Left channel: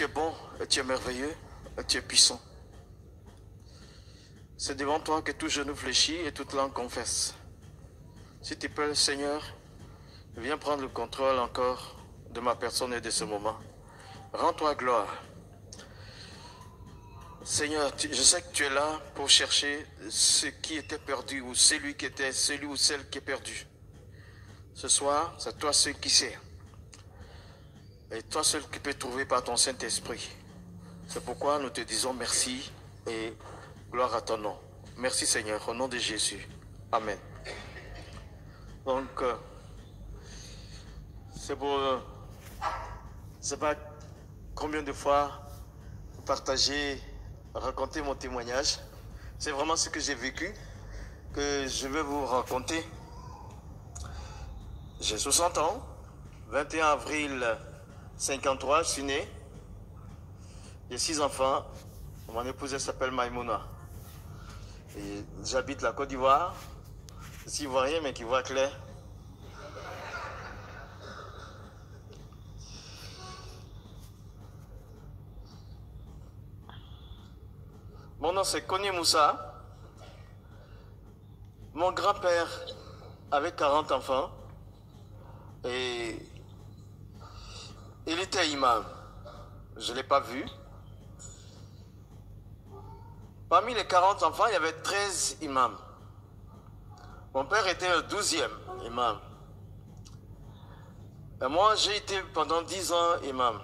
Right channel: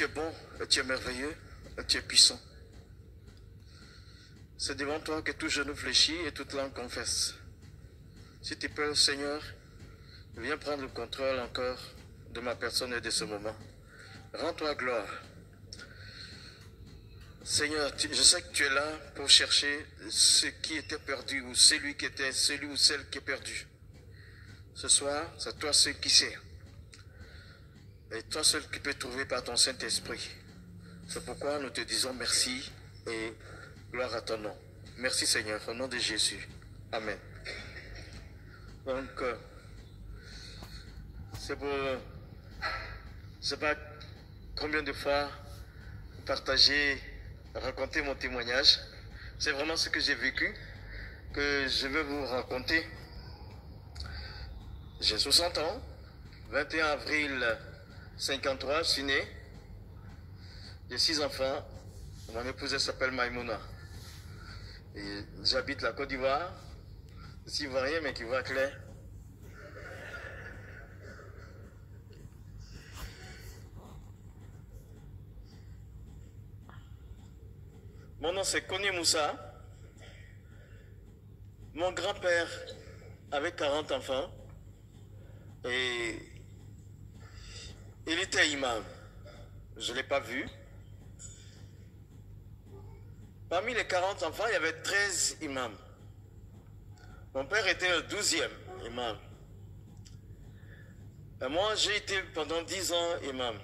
tu es bon, et tu es merveilleux, et tu es puissant. C'est devant toi que tout genou fléchit et toute langue confesse. S'il te plaît, Seigneur, viens prendre le contrôle encore de ma personne et de ce moment. Rends-toi gloire. Seigneur, je sais que tu es là pour chercher ce qui était perdu ou celui ou celle qui est perdu. Ce soir, c'est toi seul qui sais. Et toi seul qui peux trouver par ton Saint-Esprit. C'est pourquoi nous te disons merci et gloire à ton nom. Merci Seigneur, au nom de Jésus. Amen. Donc, c'est pour... je ne sais pas combien de fois partager, raconter mon témoignage. C'est vraiment ce que j'ai vécu, que je vais vous raconter. J'ai 60 ans, 21 avril 53, je suis né. J'ai 6 enfants. Mon épouse s'appelle Maïmouna. Et j'habite la Côte d'Ivoire. Ici, ivoirien, mais qui voit clair. Mon nom c'est Kone Moussa. Mon grand-père avait 40 enfants. Et il était imam. Je ne l'ai pas vu. Parmi les 40 enfants, il y avait 13 imams. Mon père était le 12e imam. Et moi, j'ai été pendant 10 ans imam.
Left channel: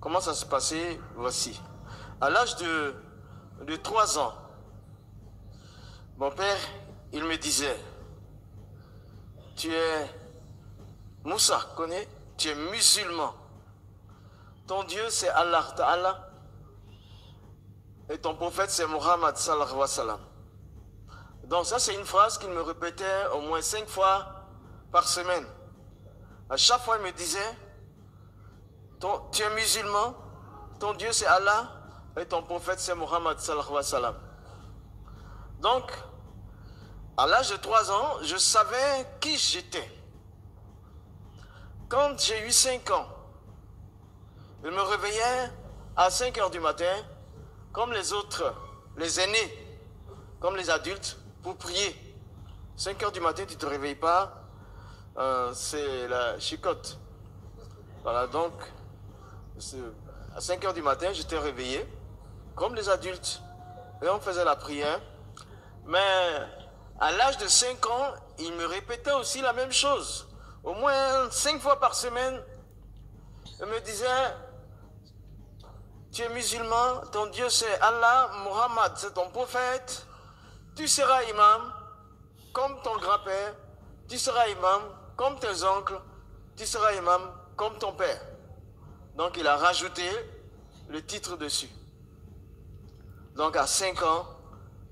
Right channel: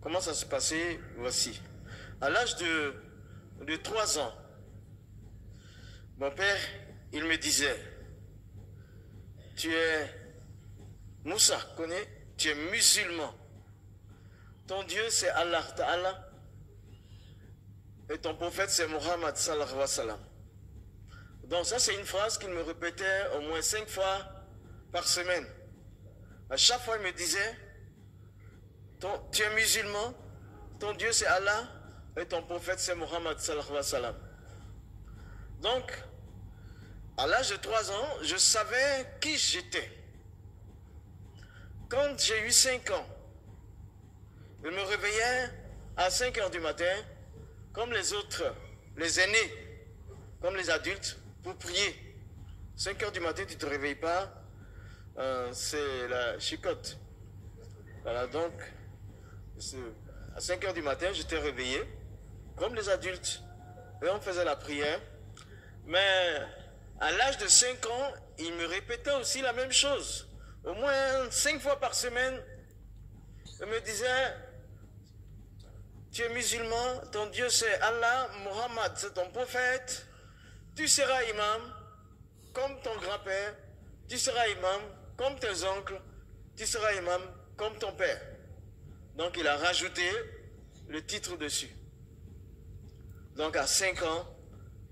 Comment ça s'est passé? Voici. À l'âge de 3 ans, mon père, il me disait, tu es Moussa, connais? Tu es musulman. Ton Dieu, c'est Allah Ta'ala. Et ton prophète, c'est Muhammad sallallahu alayhi wa sallam. Donc ça, c'est une phrase qu'il me répétait au moins 5 fois par semaine. À chaque fois, il me disait, tu es musulman, ton Dieu, c'est Allah, et ton prophète, c'est Muhammad sallallahu alayhi wa sallam. Donc, à l'âge de 3 ans, je savais qui j'étais. Quand j'ai eu 5 ans, il me réveillait à 5 heures du matin, comme les autres, les aînés, comme les adultes, pour prier. 5 heures du matin, tu ne te réveilles pas, c'est la chicotte. Voilà, donc, à 5 heures du matin, j'étais réveillé, comme les adultes, et on faisait la prière. Mais à l'âge de 5 ans, il me répétait aussi la même chose. Au moins 5 fois par semaine, il me disait, tu es musulman, ton Dieu c'est Allah, Muhammad c'est ton prophète, tu seras imam comme ton grand-père, tu seras imam comme tes oncles, tu seras imam comme ton père. Donc il a rajouté le titre dessus. Donc à 5 ans,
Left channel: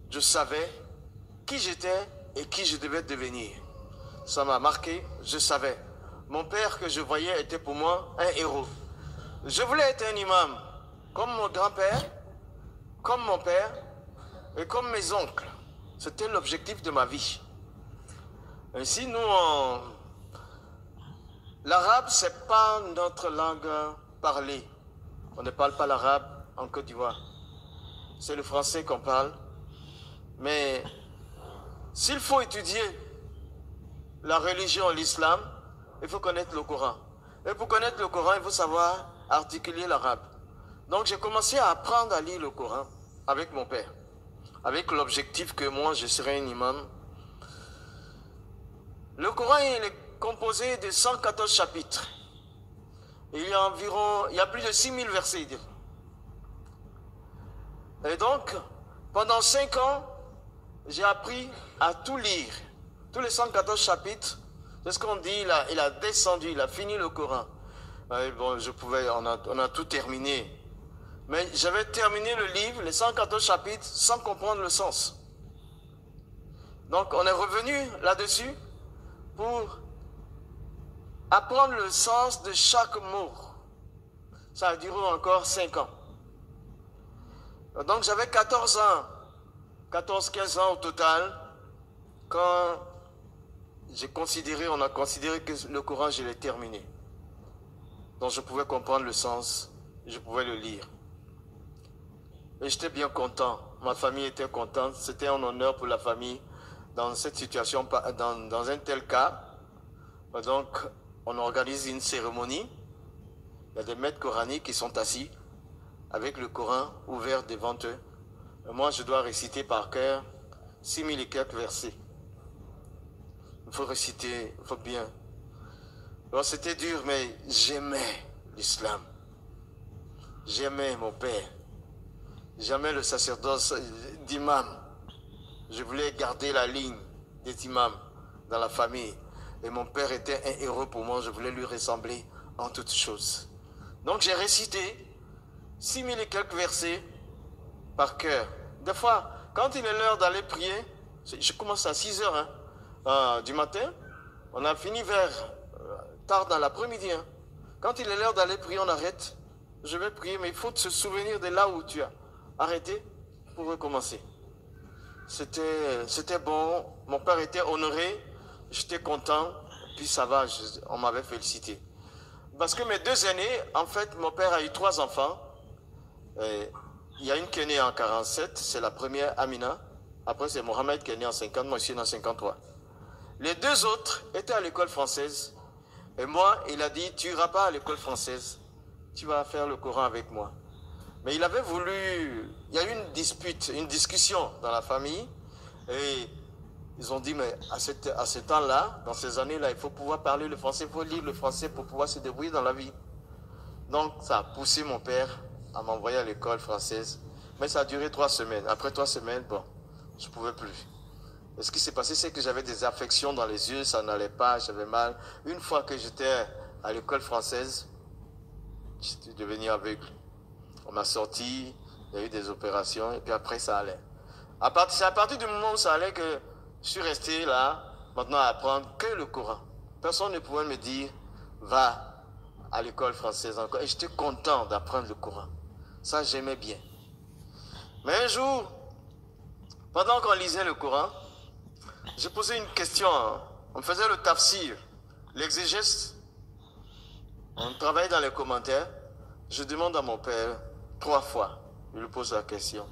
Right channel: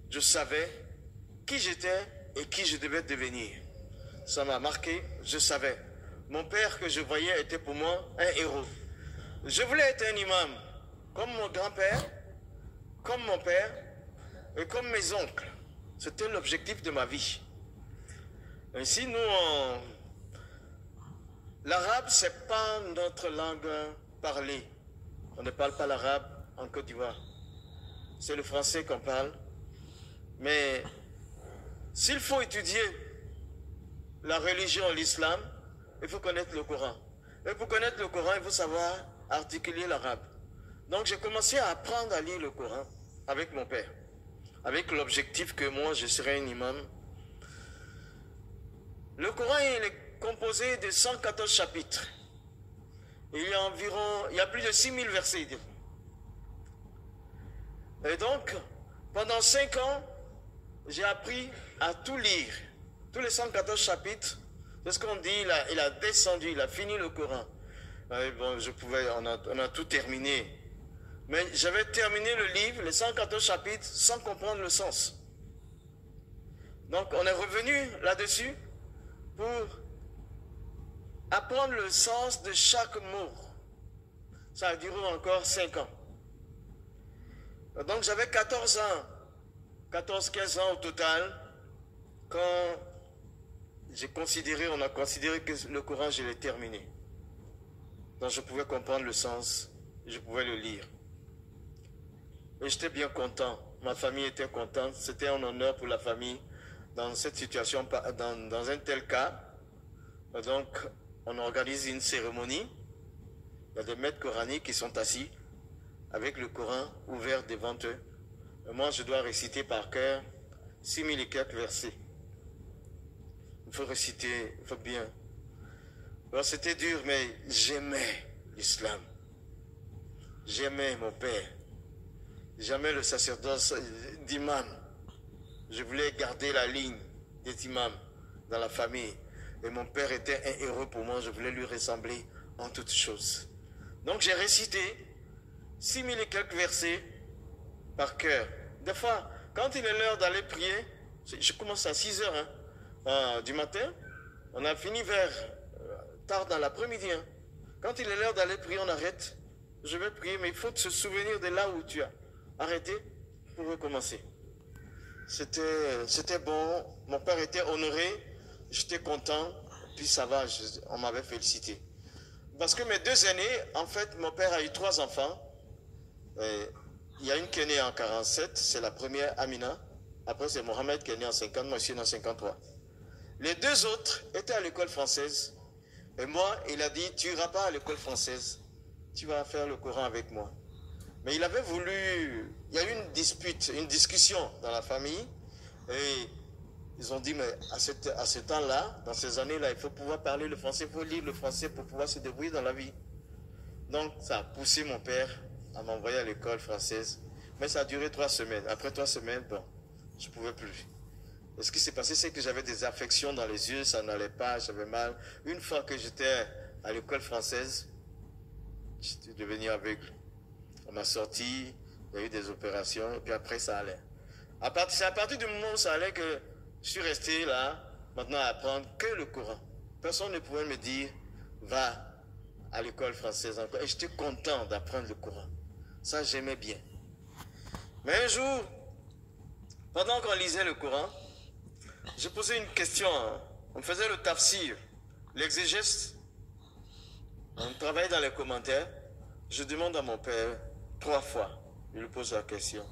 je savais qui j'étais et qui je devais devenir. Ça m'a marqué, je savais. Mon père que je voyais était pour moi un héros. Je voulais être un imam, comme mon grand-père, comme mon père et comme mes oncles. C'était l'objectif de ma vie. Ainsi, nous, l'arabe, ce n'est pas notre langue parlée. On ne parle pas l'arabe en Côte d'Ivoire. C'est le français qu'on parle. Mais s'il faut étudier la religion, l'islam, il faut connaître le Coran. Et pour connaître le Coran, il faut savoir articuler l'arabe. Donc j'ai commencé à apprendre à lire le Coran avec mon père, avec l'objectif que moi je serais un imam. Le Coran il est composé de 114 chapitres. Et il y a plus de 6000 versets. Et donc, pendant 5 ans, j'ai appris à tout lire. Tous les 114 chapitres, c'est ce qu'on dit, il a descendu, il a fini le Coran. Bon, on a tout terminé. Mais j'avais terminé le livre, les 114 chapitres, sans comprendre le sens. Donc on est revenu là-dessus pour apprendre le sens de chaque mot. Ça a duré encore 5 ans. Donc j'avais 14 ans, 14-15 ans au total, quand on a considéré que le Coran, je l'ai terminé. Donc je pouvais comprendre le sens je pouvais le lire. Et j'étais bien content. Ma famille était contente. C'était un honneur pour la famille dans cette situation, dans un tel cas. Donc, on organise une cérémonie. Il y a des maîtres coraniques qui sont assis avec le Coran ouvert devant eux. Et moi, je dois réciter par cœur 6000 et quelques versets. Il faut réciter, il faut bien. Alors, c'était dur, mais j'aimais l'islam. J'aimais mon père. J'aimais le sacerdoce d'imam. Je voulais garder la ligne des imams dans la famille. Et mon père était un héros pour moi. Je voulais lui ressembler en toutes choses. Donc j'ai récité 6000 et quelques versets par cœur. Des fois, quand il est l'heure d'aller prier, je commence à 6 heures du matin. On a fini vers tard dans l'après-midi. Quand il est l'heure d'aller prier, on arrête. Je vais prier, mais il faut se souvenir de là où tu as arrêté pour recommencer. C'était bon. Mon père était honoré. J'étais content. Puis ça va, on m'avait félicité. Parce que mes 2 aînés, en fait, mon père a eu 3 enfants. Il y a une qui est née en 47, c'est la première, Amina. Après, c'est Mohamed qui est né en 50, moi je suis né en 53. Les 2 autres étaient à l'école française. Et moi, il a dit, tu n'iras pas à l'école française. Tu vas faire le Coran avec moi. Mais il avait voulu... Il y a eu une dispute, une discussion dans la famille. Et ils ont dit, mais à ce temps-là, dans ces années-là, il faut pouvoir parler le français, il faut lire le français pour pouvoir se débrouiller dans la vie. Donc, ça a poussé mon père à m'envoyer à l'école française. Mais ça a duré 3 semaines. Après 3 semaines, bon, je ne pouvais plus. Et ce qui s'est passé, c'est que j'avais des affections dans les yeux, ça n'allait pas, j'avais mal. Une fois que j'étais à l'école française, j'étais devenu aveugle. On m'a sorti, il y a eu des opérations, et puis après ça allait. C'est à partir du moment où ça allait que je suis resté là, maintenant à apprendre que le Coran. Personne ne pouvait me dire, va à l'école française encore. Et j'étais content d'apprendre le Coran. Ça, j'aimais bien. Mais un jour, pendant qu'on lisait le Coran, j'ai posé une question. On faisait le tafsir, l'exégèse. On travaillait dans les commentaires. Je demande à mon père 3 fois, je lui pose la question.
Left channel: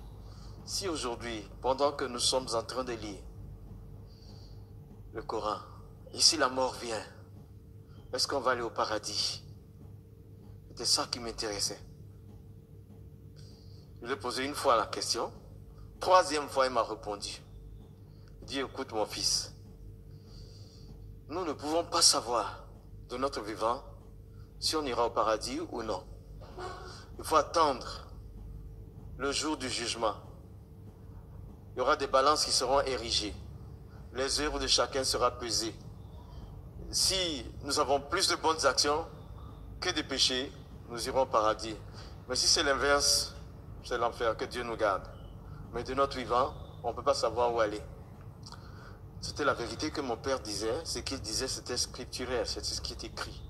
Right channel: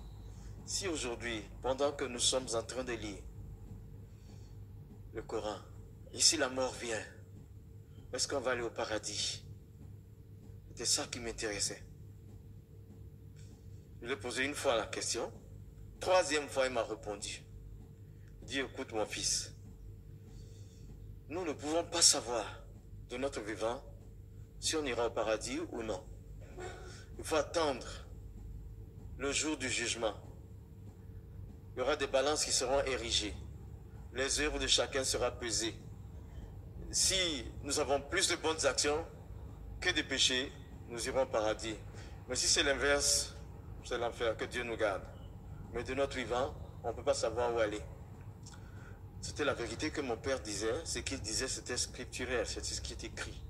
Si aujourd'hui, pendant que nous sommes en train de lire le Coran, et si la mort vient, est-ce qu'on va aller au paradis? C'était ça qui m'intéressait. Je lui ai posé une fois la question. 3e fois, il m'a répondu. Il dit, écoute mon fils, nous ne pouvons pas savoir de notre vivant si on ira au paradis ou non. Il faut attendre le jour du jugement. Il y aura des balances qui seront érigées. Les œuvres de chacun seront pesées. Si nous avons plus de bonnes actions que de péchés, nous irons au paradis. Mais si c'est l'inverse, c'est l'enfer, que Dieu nous garde. Mais de notre vivant, on ne peut pas savoir où aller. C'était la vérité que mon père disait. Ce qu'il disait, c'était scripturaire, c'était ce qui est écrit.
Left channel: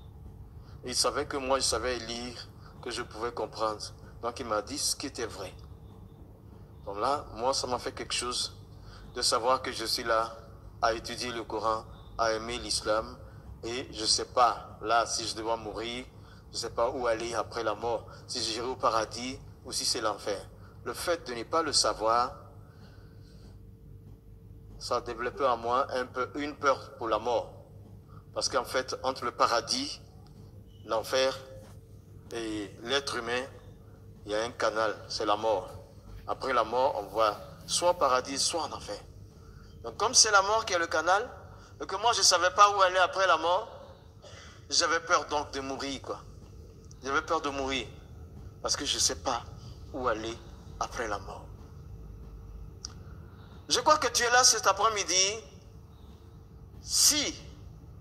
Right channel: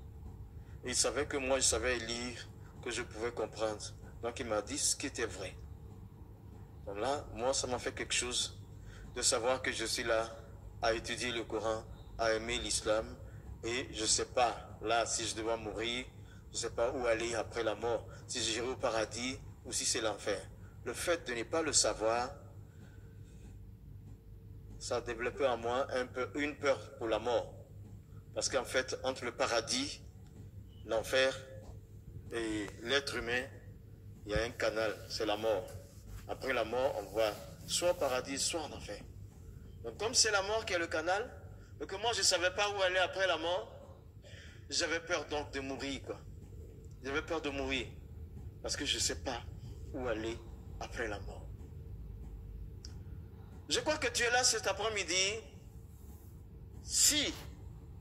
Et il savait que moi, je savais lire, que je pouvais comprendre. Donc il m'a dit ce qui était vrai. Donc là, moi, ça m'a fait quelque chose de savoir que je suis là à étudier le Coran, à aimer l'islam. Et je ne sais pas, là, si je dois mourir, je ne sais pas où aller après la mort. Si j'irai au paradis ou si c'est l'enfer. Le fait de ne pas le savoir, ça a développé en moi une peur pour la mort. Parce qu'en fait, entre le paradis, l'enfer et l'être humain, il y a un canal, c'est la mort. Après la mort, on voit soit au paradis, soit en enfer. Donc comme c'est la mort qui est le canal, et que moi je ne savais pas où aller après la mort, j'avais peur donc de mourir, quoi. J'avais peur de mourir, parce que je ne sais pas où aller après la mort. Je crois que tu es là cet après-midi. Si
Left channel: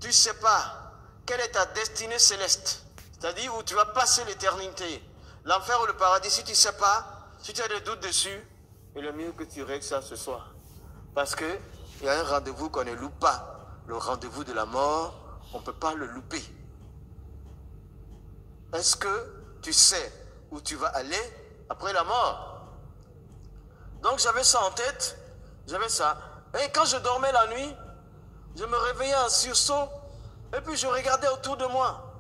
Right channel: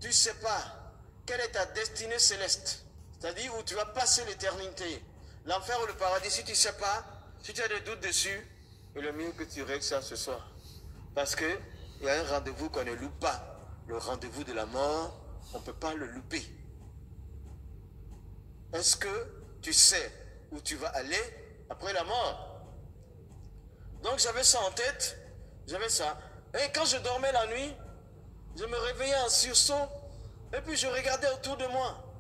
tu ne sais pas quelle est ta destinée céleste, c'est-à-dire où tu vas passer l'éternité, l'enfer ou le paradis, si tu ne sais pas, si tu as des doutes dessus, il est mieux que tu règles ça ce soir. Parce qu'il y a un rendez-vous qu'on ne loupe pas. Le rendez-vous de la mort, on ne peut pas le louper. Est-ce que tu sais où tu vas aller après la mort? Donc j'avais ça en tête, j'avais ça. Et quand je dormais la nuit, je me réveillais en sursaut, et puis je regardais autour de moi.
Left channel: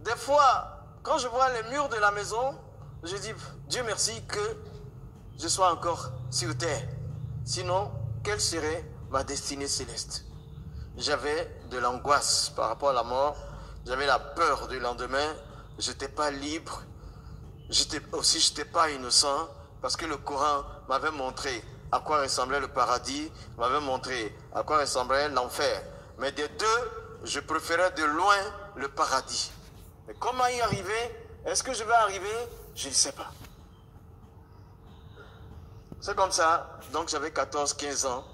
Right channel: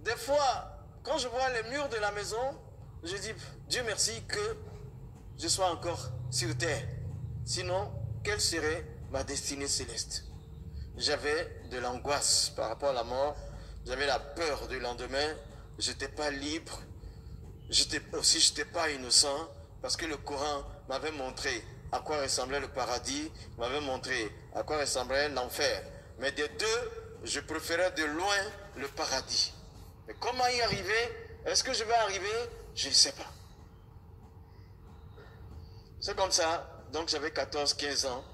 Des fois, quand je vois les murs de la maison, je dis, Dieu merci que je sois encore sur terre. Sinon, quelle serait ma destinée céleste? J'avais de l'angoisse par rapport à la mort. J'avais la peur du lendemain. Je n'étais pas libre. Je n'étais pas innocent. Parce que le Coran m'avait montré à quoi ressemblait le paradis. M'avait montré à quoi ressemblait l'enfer. Mais des deux, je préférais de loin le paradis. Mais comment y arriver? Est-ce que je vais arriver? Je ne sais pas. C'est comme ça. Donc j'avais 14-15 ans.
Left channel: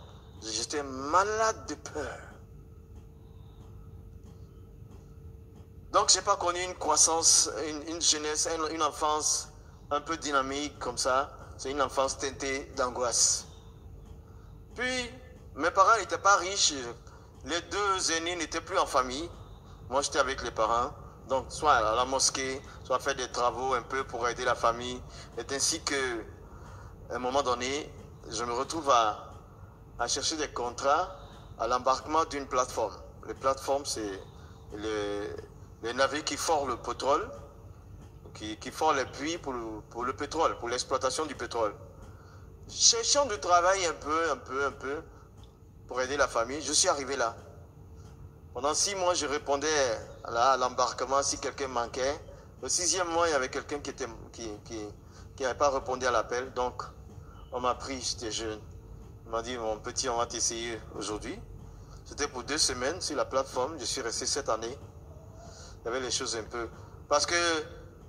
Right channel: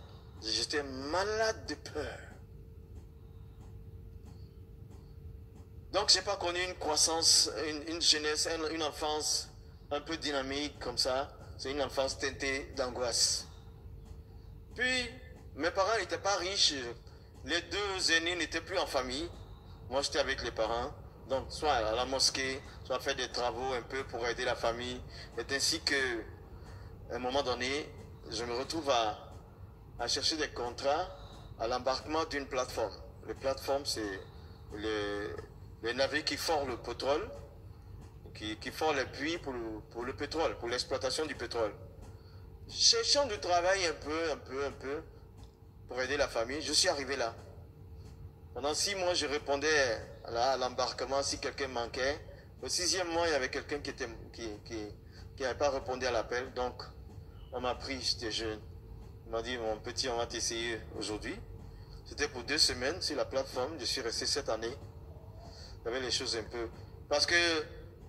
J'étais malade de peur. Donc je n'ai pas connu une croissance, une jeunesse, une enfance un peu dynamique comme ça. C'est une enfance teintée d'angoisse. Puis, mes parents n'étaient pas riches. Les deux aînés n'étaient plus en famille. Moi, j'étais avec les parents. Donc, soit à la mosquée, soit faire des travaux un peu pour aider la famille. C'est ainsi que, à un moment donné, je me retrouve à chercher des contrats à l'embarquement d'une plateforme. Les plateformes, c'est les navires qui forent le pétrole, qui forent les puits pour le pétrole, pour l'exploitation du pétrole. Cherchant du travail un peu, pour aider la famille, je suis arrivé là. Pendant 6 mois, je répondais à l'embarquement si quelqu'un manquait. Le 6e mois, il y avait quelqu'un qui n'avait pas répondu à l'appel. Donc, on m'a pris, j'étais jeune. Il m'a dit, mon petit, on va t'essayer aujourd'hui. C'était pour 2 semaines sur la plateforme. Je suis resté 7 années. Il y avait les choses un peu... Parce que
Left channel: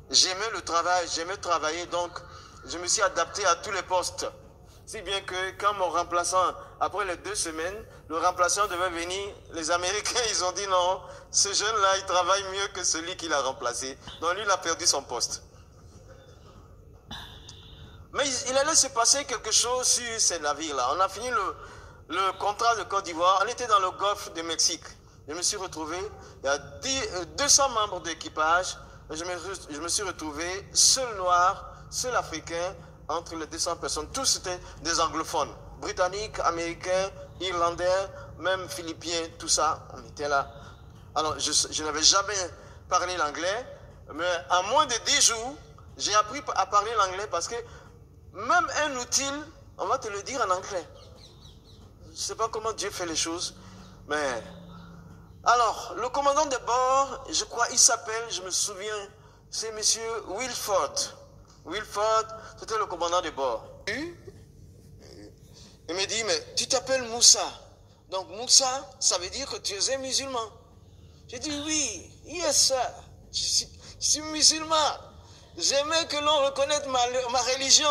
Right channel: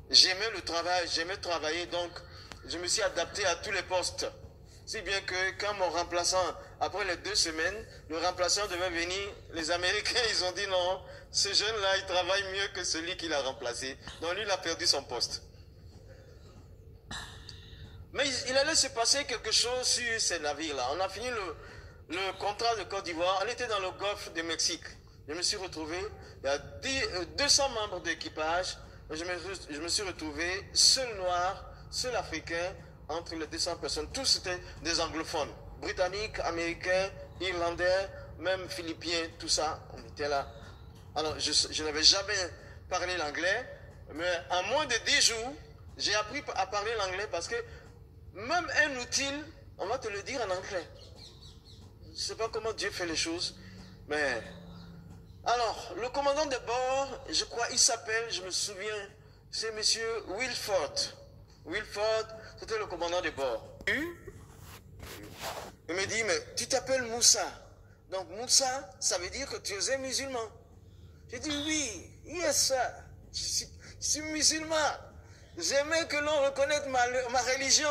j'aimais le travail, j'aimais travailler. Donc, je me suis adapté à tous les postes. Si bien que quand mon remplaçant, après les 2 semaines, le remplaçant devait venir, les Américains, ils ont dit non, ce jeune-là, il travaille mieux que celui qui l'a remplacé. Donc lui, il a perdu son poste. Mais il allait se passer quelque chose sur ces navires-là. On a fini le contrat de Côte d'Ivoire. On était dans le golfe du Mexique. Je me suis retrouvé, il y a 200 membres d'équipage. Je me suis retrouvé seul noir, seul africain, entre les 200 personnes. Tous étaient des anglophones. Britanniques, américains, irlandais, même philippiens, tout ça. On était là. Alors, je n'avais jamais parlé l'anglais, mais en moins de 10 jours, j'ai appris à parler l'anglais parce que même un outil, on va te le dire en anglais. Je ne sais pas comment Dieu fait les choses, mais... Alors, le commandant de bord, je crois, il s'appelle, je me souviens, c'est monsieur Wilford. Wilford, c'était le commandant de bord. Il me dit, mais tu t'appelles Moussa. Donc Moussa, ça veut dire que tu es un musulman. J'ai dit, oui, yes, sir. Je suis musulman. J'aimais que l'on reconnaisse ma religion.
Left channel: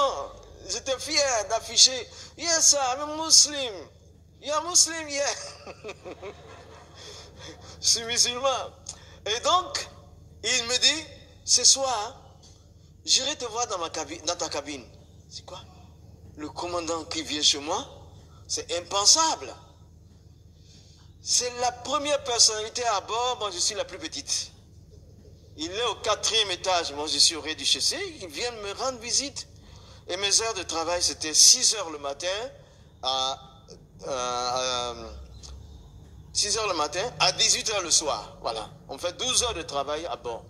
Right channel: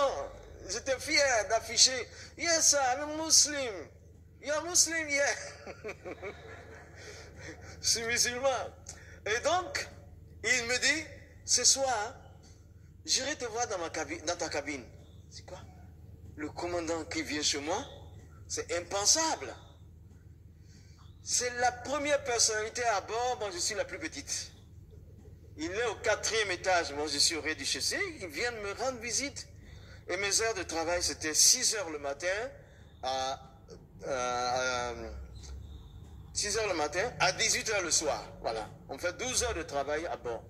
J'étais fier d'afficher, yes, sir, I'm a Muslim. You're a Muslim, yeah. Je suis musulman. Et donc, il me dit, ce soir, j'irai te voir dans ta cabine. C'est quoi? Le commandant qui vient chez moi? C'est impensable. C'est la première personnalité à bord. Moi, je suis la plus petite. Il est au 4e étage. Moi, je suis au rez-de-chaussée. Il vient me rendre visite. Et mes heures de travail, c'était 6 heures le matin à 6 heures le matin à 18 heures le soir. Voilà. On fait 12 heures de travail à bord.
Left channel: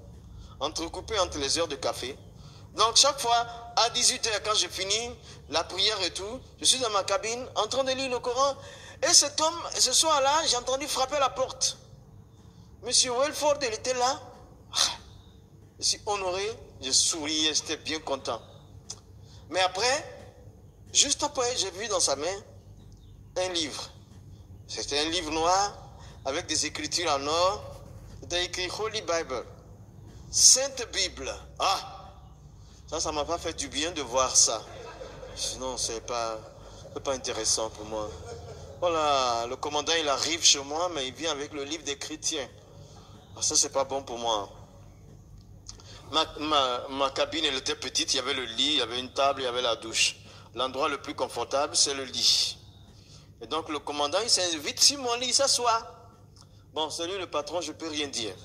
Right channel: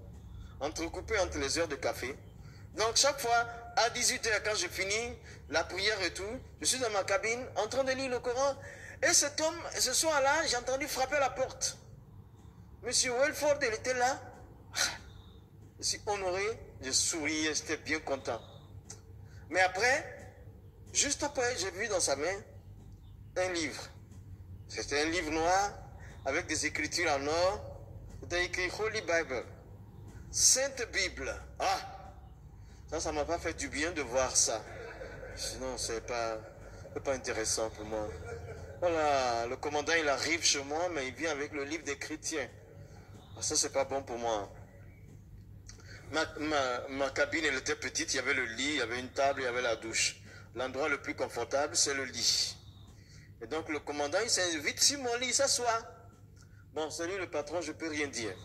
Entrecoupé entre les heures de café. Donc, chaque fois, à 18 heures, quand j'ai fini la prière et tout, je suis dans ma cabine, en train de lire le Coran. Et cet homme, ce soir-là, j'ai entendu frapper à la porte. Monsieur Wilford, il était là. Je suis honoré, je souriais, j'étais bien content. Mais après, juste après, j'ai vu dans sa main un livre. C'était un livre noir avec des écritures en or. C'était écrit Holy Bible. Sainte Bible. Ah! Ça ne m'a pas fait du bien de voir ça. Sinon, ce n'est pas intéressant pour moi. Voilà, le commandant, il arrive chez moi, mais il vient avec le livre des chrétiens. Ah, ça, c'est pas bon pour moi. Ma cabine, elle était petite. Il y avait le lit, il y avait une table, il y avait la douche. L'endroit le plus confortable, c'est le lit. Et donc, le commandant, il s'invite sur mon lit, il s'assoit. Bon, c'est lui le patron, je ne peux rien dire.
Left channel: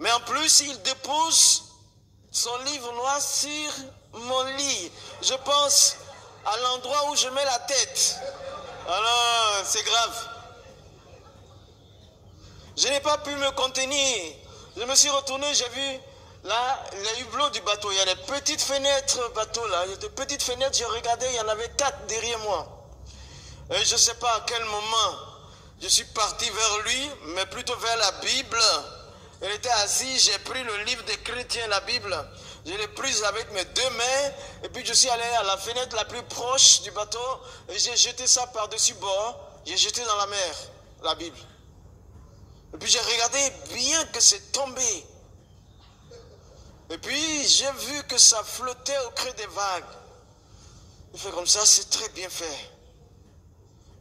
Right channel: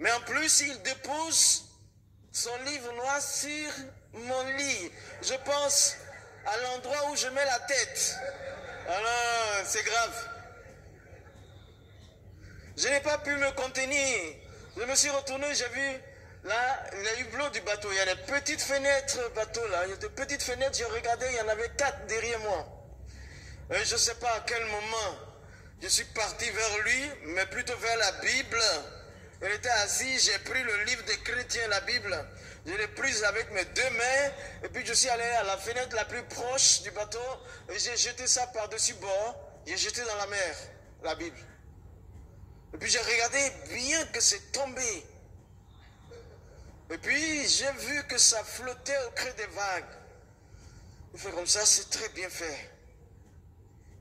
Mais en plus, il dépose son livre noir sur mon lit. Je pense à l'endroit où je mets la tête. Alors, c'est grave. Je n'ai pas pu me contenir. Je me suis retourné, j'ai vu Là, les hublots du bateau, il y a des petites fenêtres bateau là. Il y a des petites fenêtres, j'ai regardé, il y en avait 4 derrière moi. Et je ne sais pas à quel moment je suis parti vers lui, mais plutôt vers la Bible. Il était assis, j'ai pris le livre des chrétiens, la Bible. Je l'ai prise avec mes 2 mains. Et puis je suis allé à la fenêtre la plus proche du bateau. Et j'ai jeté ça par-dessus bord. J'ai jeté dans la mer, la Bible. Et puis j'ai regardé bien que c'est tombé. Et puis j'ai vu que ça flottait au creux des vagues. Il fait comme ça, c'est très bien fait.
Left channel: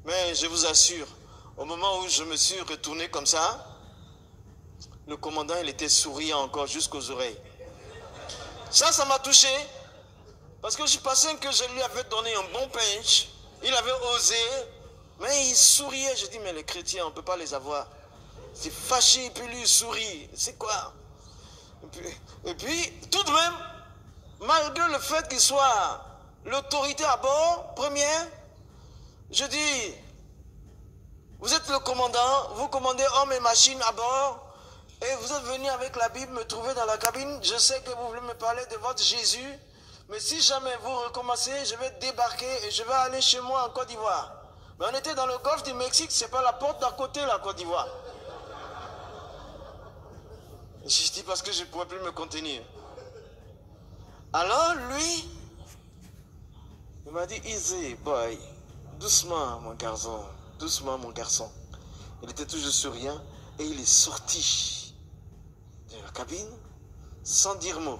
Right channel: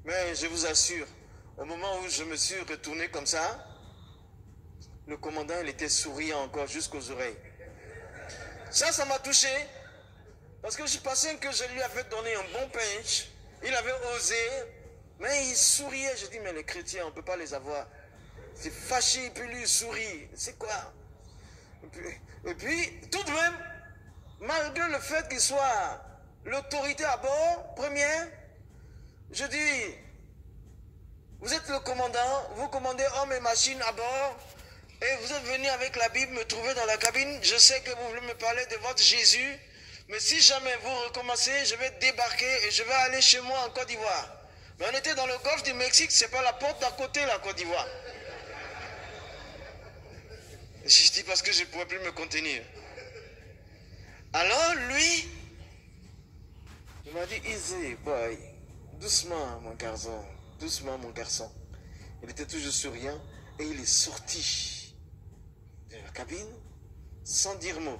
Mais je vous assure, au moment où je me suis retourné comme ça, le commandant, il était souriant encore jusqu'aux oreilles. Ça m'a touché. Parce que je pensais que je lui avais donné un bon punch. Il avait osé. Mais il souriait. Je dis, mais les chrétiens, on ne peut pas les avoir. C'est fâché, puis lui, il sourit. C'est quoi? Et puis, tout de même, malgré le fait qu'il soit l'autorité à bord, première, je dis, vous êtes le commandant, vous commandez hommes et machines à bord, et vous êtes venu avec la Bible me trouver dans la cabine. Je sais que vous voulez me parler de votre Jésus, mais si jamais vous recommencez, je vais débarquer et je vais aller chez moi en Côte d'Ivoire. Mais on était dans le golfe du Mexique, c'est pas la porte d'à côté, la Côte d'Ivoire. Je dis parce que je ne pouvais plus me contenir. Alors lui, il m'a dit, easy boy, doucement mon garçon, doucement mon garçon. Il était toujours souriant et il est sorti de la cabine sans dire mot.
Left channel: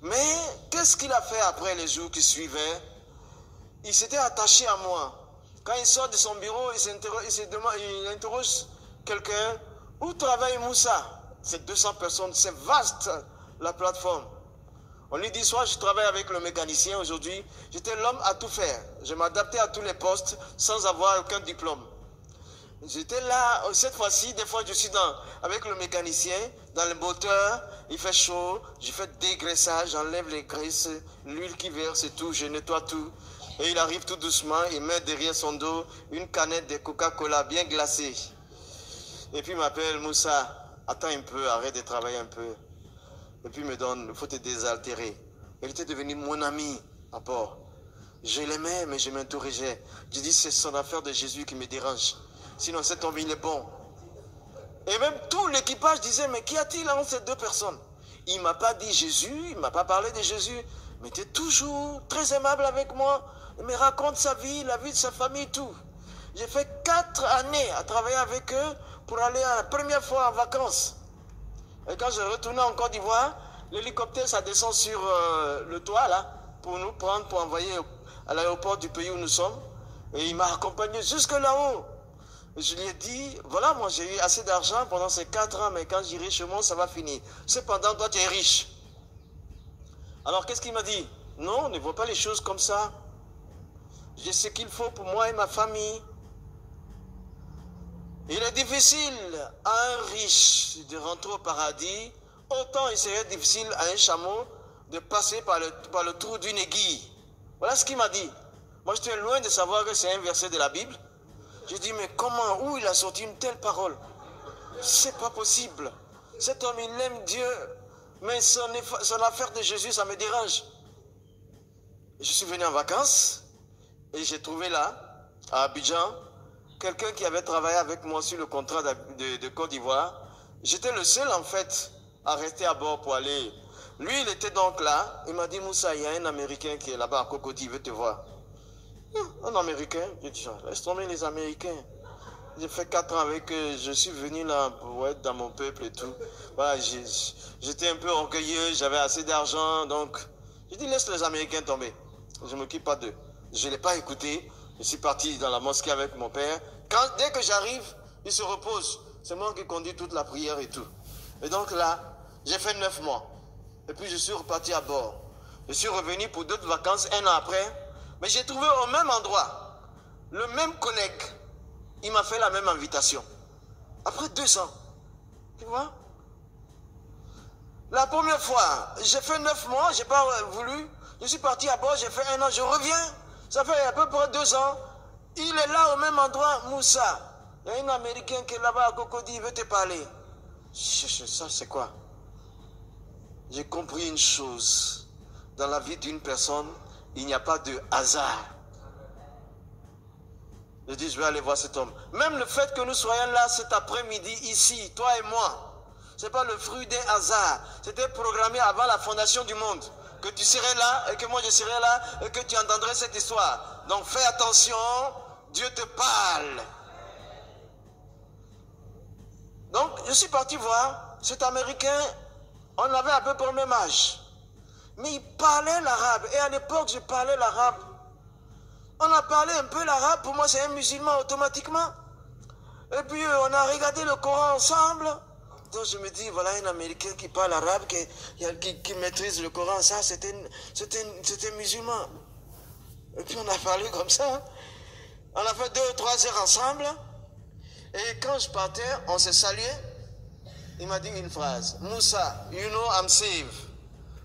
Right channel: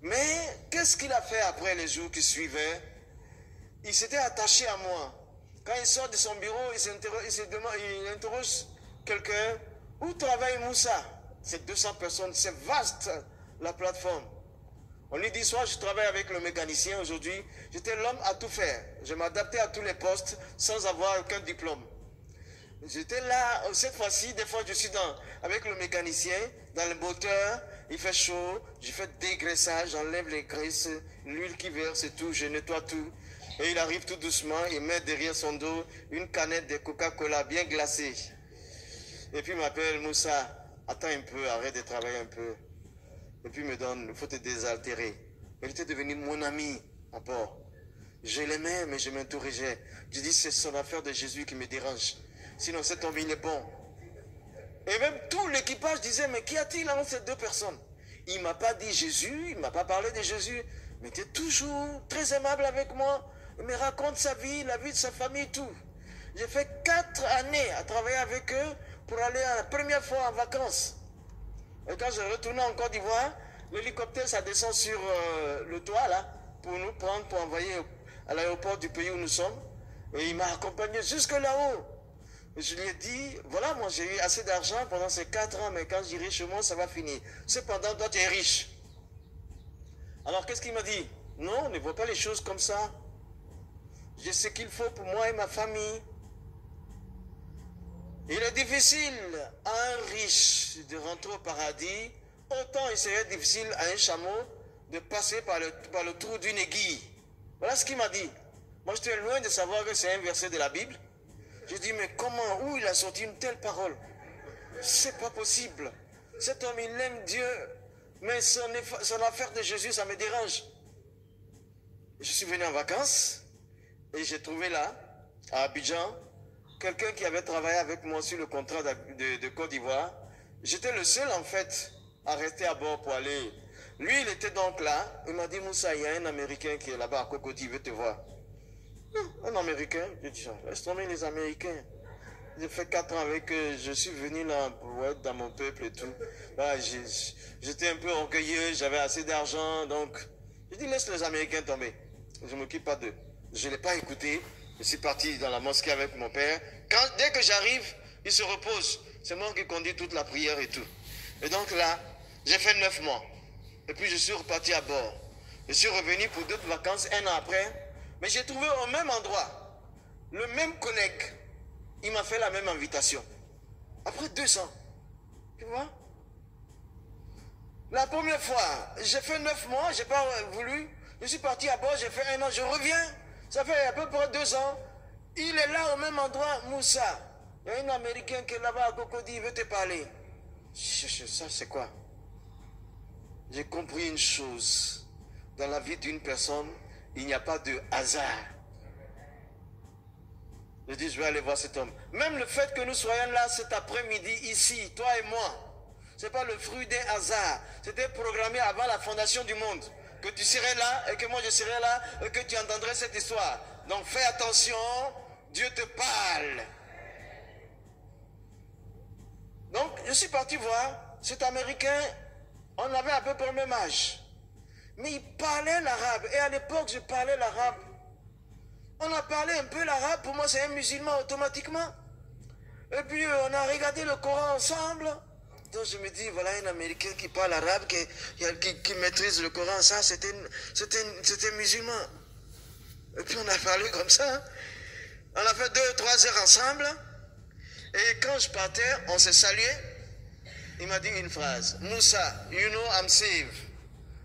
Mais qu'est-ce qu'il a fait après les jours qui suivaient? Il s'était attaché à moi. Quand il sort de son bureau, il interroge quelqu'un. Où travaille Moussa? C'est 200 personnes, c'est vaste la plateforme. On lui dit, soit je travaille avec le mécanicien aujourd'hui, j'étais l'homme à tout faire. Je m'adaptais à tous les postes sans avoir aucun diplôme. J'étais là, cette fois-ci, des fois je suis avec le mécanicien, dans le moteur, il fait chaud, je fais dégraissage, j'enlève les graisses, l'huile qui verse et tout, je nettoie tout. Et il arrive tout doucement, il met derrière son dos une canette de Coca-Cola bien glacée. Et puis il m'appelle, Moussa, attends un peu, arrête de travailler un peu. Et puis il me donne, il faut te désaltérer. Il était devenu mon ami à bord. Je l'aimais, mais je m'interrogeais. Je dis, c'est son affaire de Jésus qui me dérange. Sinon, cet homme, il est bon. Et même tout l'équipage disait, mais qu'y a-t-il entre ces 2 personnes? Il ne m'a pas dit Jésus, il ne m'a pas parlé de Jésus, mais il était toujours très aimable avec moi. Il me raconte sa vie, la vie de sa famille, tout. J'ai fait 4 années à travailler avec eux pour aller la première fois en vacances. Et quand je retournais en Côte d'Ivoire, l'hélicoptère, ça descend sur le toit, là, pour nous prendre, pour envoyer à l'aéroport du pays où nous sommes. Et il m'a accompagné jusque là-haut. Je lui ai dit, voilà, moi j'ai eu assez d'argent pendant ces 4 ans, mais quand j'irai chez moi, ça va finir. Cependant, toi, tu es riche. Alors, qu'est-ce qu'il m'a dit? Non, ne vois pas les choses comme ça. J'ai ce qu'il faut pour moi et ma famille. Il est difficile à un riche de rentrer au paradis, autant il serait difficile à un chameau de passer par le trou d'une aiguille. Voilà ce qu'il m'a dit. Moi, j'étais loin de savoir que c'est un verset de la Bible. J'ai dit, mais comment, où il a sorti une telle parole? C'est pas possible. Cet homme, il aime Dieu, mais son affaire de Jésus, ça me dérange. Je suis venu en vacances et j'ai trouvé là, à Abidjan, quelqu'un qui avait travaillé avec moi sur le contrat de Côte d'Ivoire. J'étais le seul, en fait, à rester à bord pour aller. Lui, il était donc là. Il m'a dit, Moussa, il y a un Américain qui est là-bas à Cocody, il veut te voir. Un Américain? J'ai dit, laisse tomber les Américains. J'ai fait 4 ans avec eux. Je suis venu là pour être dans mon peuple et tout. Voilà, j'étais un peu orgueilleux, j'avais assez d'argent. Donc, j'ai dit, laisse les Américains tomber. Je ne m'occupe pas d'eux. Je ne l'ai pas écouté. Je suis parti dans la mosquée avec mon père. Dès que j'arrive, il se repose. C'est moi qui conduis toute la prière et tout. Et donc là, j'ai fait 9 mois. Et puis je suis reparti à bord. Je suis revenu pour d'autres vacances 1 an après. Mais j'ai trouvé au même endroit le même collègue. Il m'a fait la même invitation. Après 2 ans. Tu vois? La première fois, j'ai fait 9 mois, je n'ai pas voulu. Je suis parti à bord, j'ai fait 1 an, je reviens. Ça fait à peu près 2 ans. Il est là au même endroit, Moussa. Il y a un Américain qui est là-bas à Cocody, il veut te parler. Ça, c'est quoi? j'ai compris une chose. Dans la vie d'une personne, il n'y a pas de hasard. Je dis, je vais aller voir cet homme. Même le fait que nous soyons là cet après-midi, ici, toi et moi, ce n'est pas le fruit d'un hasard. C'était programmé avant la fondation du monde. Que tu serais là et que moi je serais là et que tu entendrais cette histoire. Donc fais attention, Dieu te parle. Donc je suis parti voir cet Américain, on avait à peu près le même âge. Mais il parlait l'arabe. Et à l'époque, je parlais l'arabe. On a parlé un peu l'arabe. Pour moi, c'est un musulman automatiquement. Et puis, on a regardé le Coran ensemble. Donc, je me dis, voilà un Américain qui parle arabe, qui maîtrise le Coran. Ça, c'était musulman. Et puis, on a parlé comme ça. On a fait 2 ou 3 heures ensemble. Et quand je partais, on s'est salué. Il m'a dit une phrase. Moussa, you know I'm saved.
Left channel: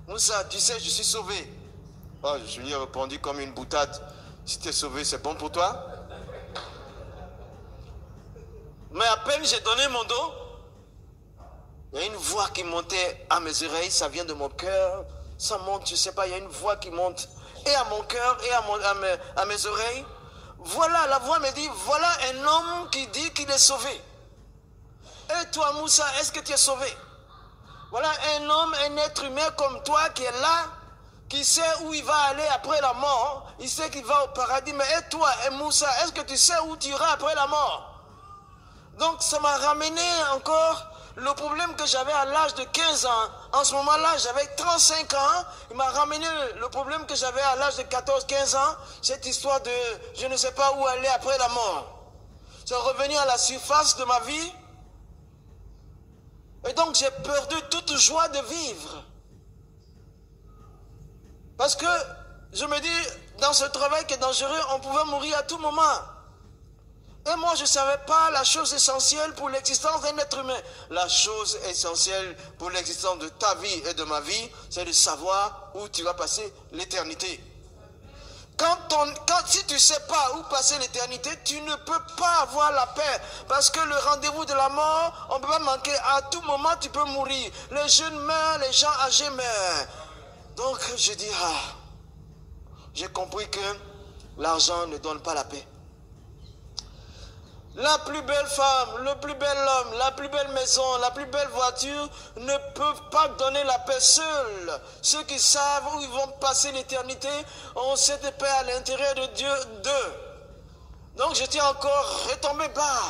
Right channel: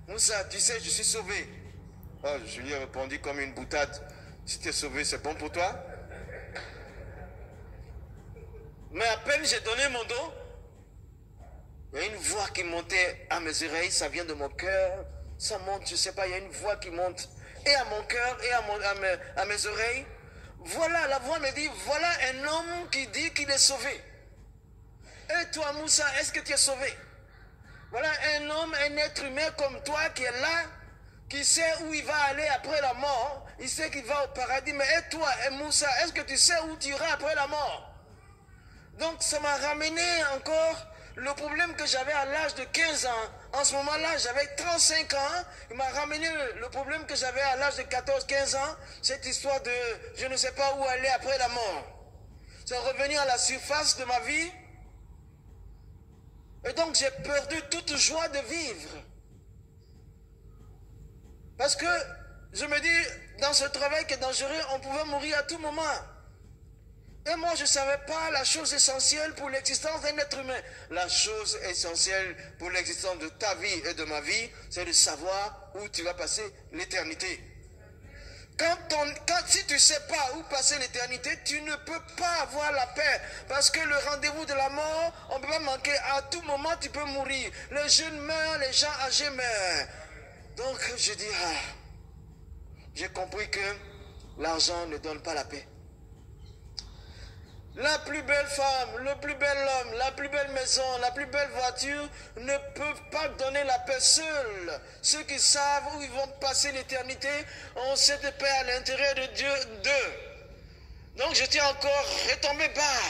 Moussa, tu sais, je suis sauvé. Oh, je lui ai répondu comme une boutade. Si tu es sauvé, c'est bon pour toi. Mais à peine j'ai donné mon dos, il y a une voix qui montait à mes oreilles. Ça vient de mon cœur. Ça monte, je ne sais pas, il y a une voix qui monte et à mon cœur et à mes oreilles. Voilà, la voix me dit, voilà un homme qui dit qu'il est sauvé. Et toi, Moussa, est-ce que tu es sauvé? Voilà un homme, un être humain comme toi qui est là, qui sait où il va aller après la mort. Il sait qu'il va au paradis. Mais et toi, et Moussa, est-ce que tu sais où tu iras après la mort? Donc ça m'a ramené encore le problème que j'avais à l'âge de 15 ans. En ce moment-là, j'avais 35 ans. Il m'a ramené le problème que j'avais à l'âge de 14-15 ans. Cette histoire de je ne sais pas où aller après la mort. C'est revenu à la surface de ma vie. Et donc j'ai perdu toute joie de vivre. Parce que je me dis, dans ce travail qui est dangereux, on pouvait mourir à tout moment. Et moi, je ne savais pas la chose essentielle pour l'existence d'un être humain. La chose essentielle pour l'existence de ta vie et de ma vie, c'est de savoir où tu vas passer l'éternité. Si tu ne sais pas où passer l'éternité, tu ne peux pas avoir la paix. Parce que le rendez-vous de la mort, on ne peut pas manquer. À tout moment, tu peux mourir. Les jeunes meurent, les gens âgés meurent. Donc, je dis, j'ai compris que l'argent ne donne pas la paix. La plus belle femme, le plus bel homme, la plus belle maison, la plus belle voiture ne peuvent pas donner la paix seuls. Ceux qui savent où ils vont passer l'éternité ont cette paix à l'intérieur de Dieu d'eux. Donc j'étais encore retombé bas.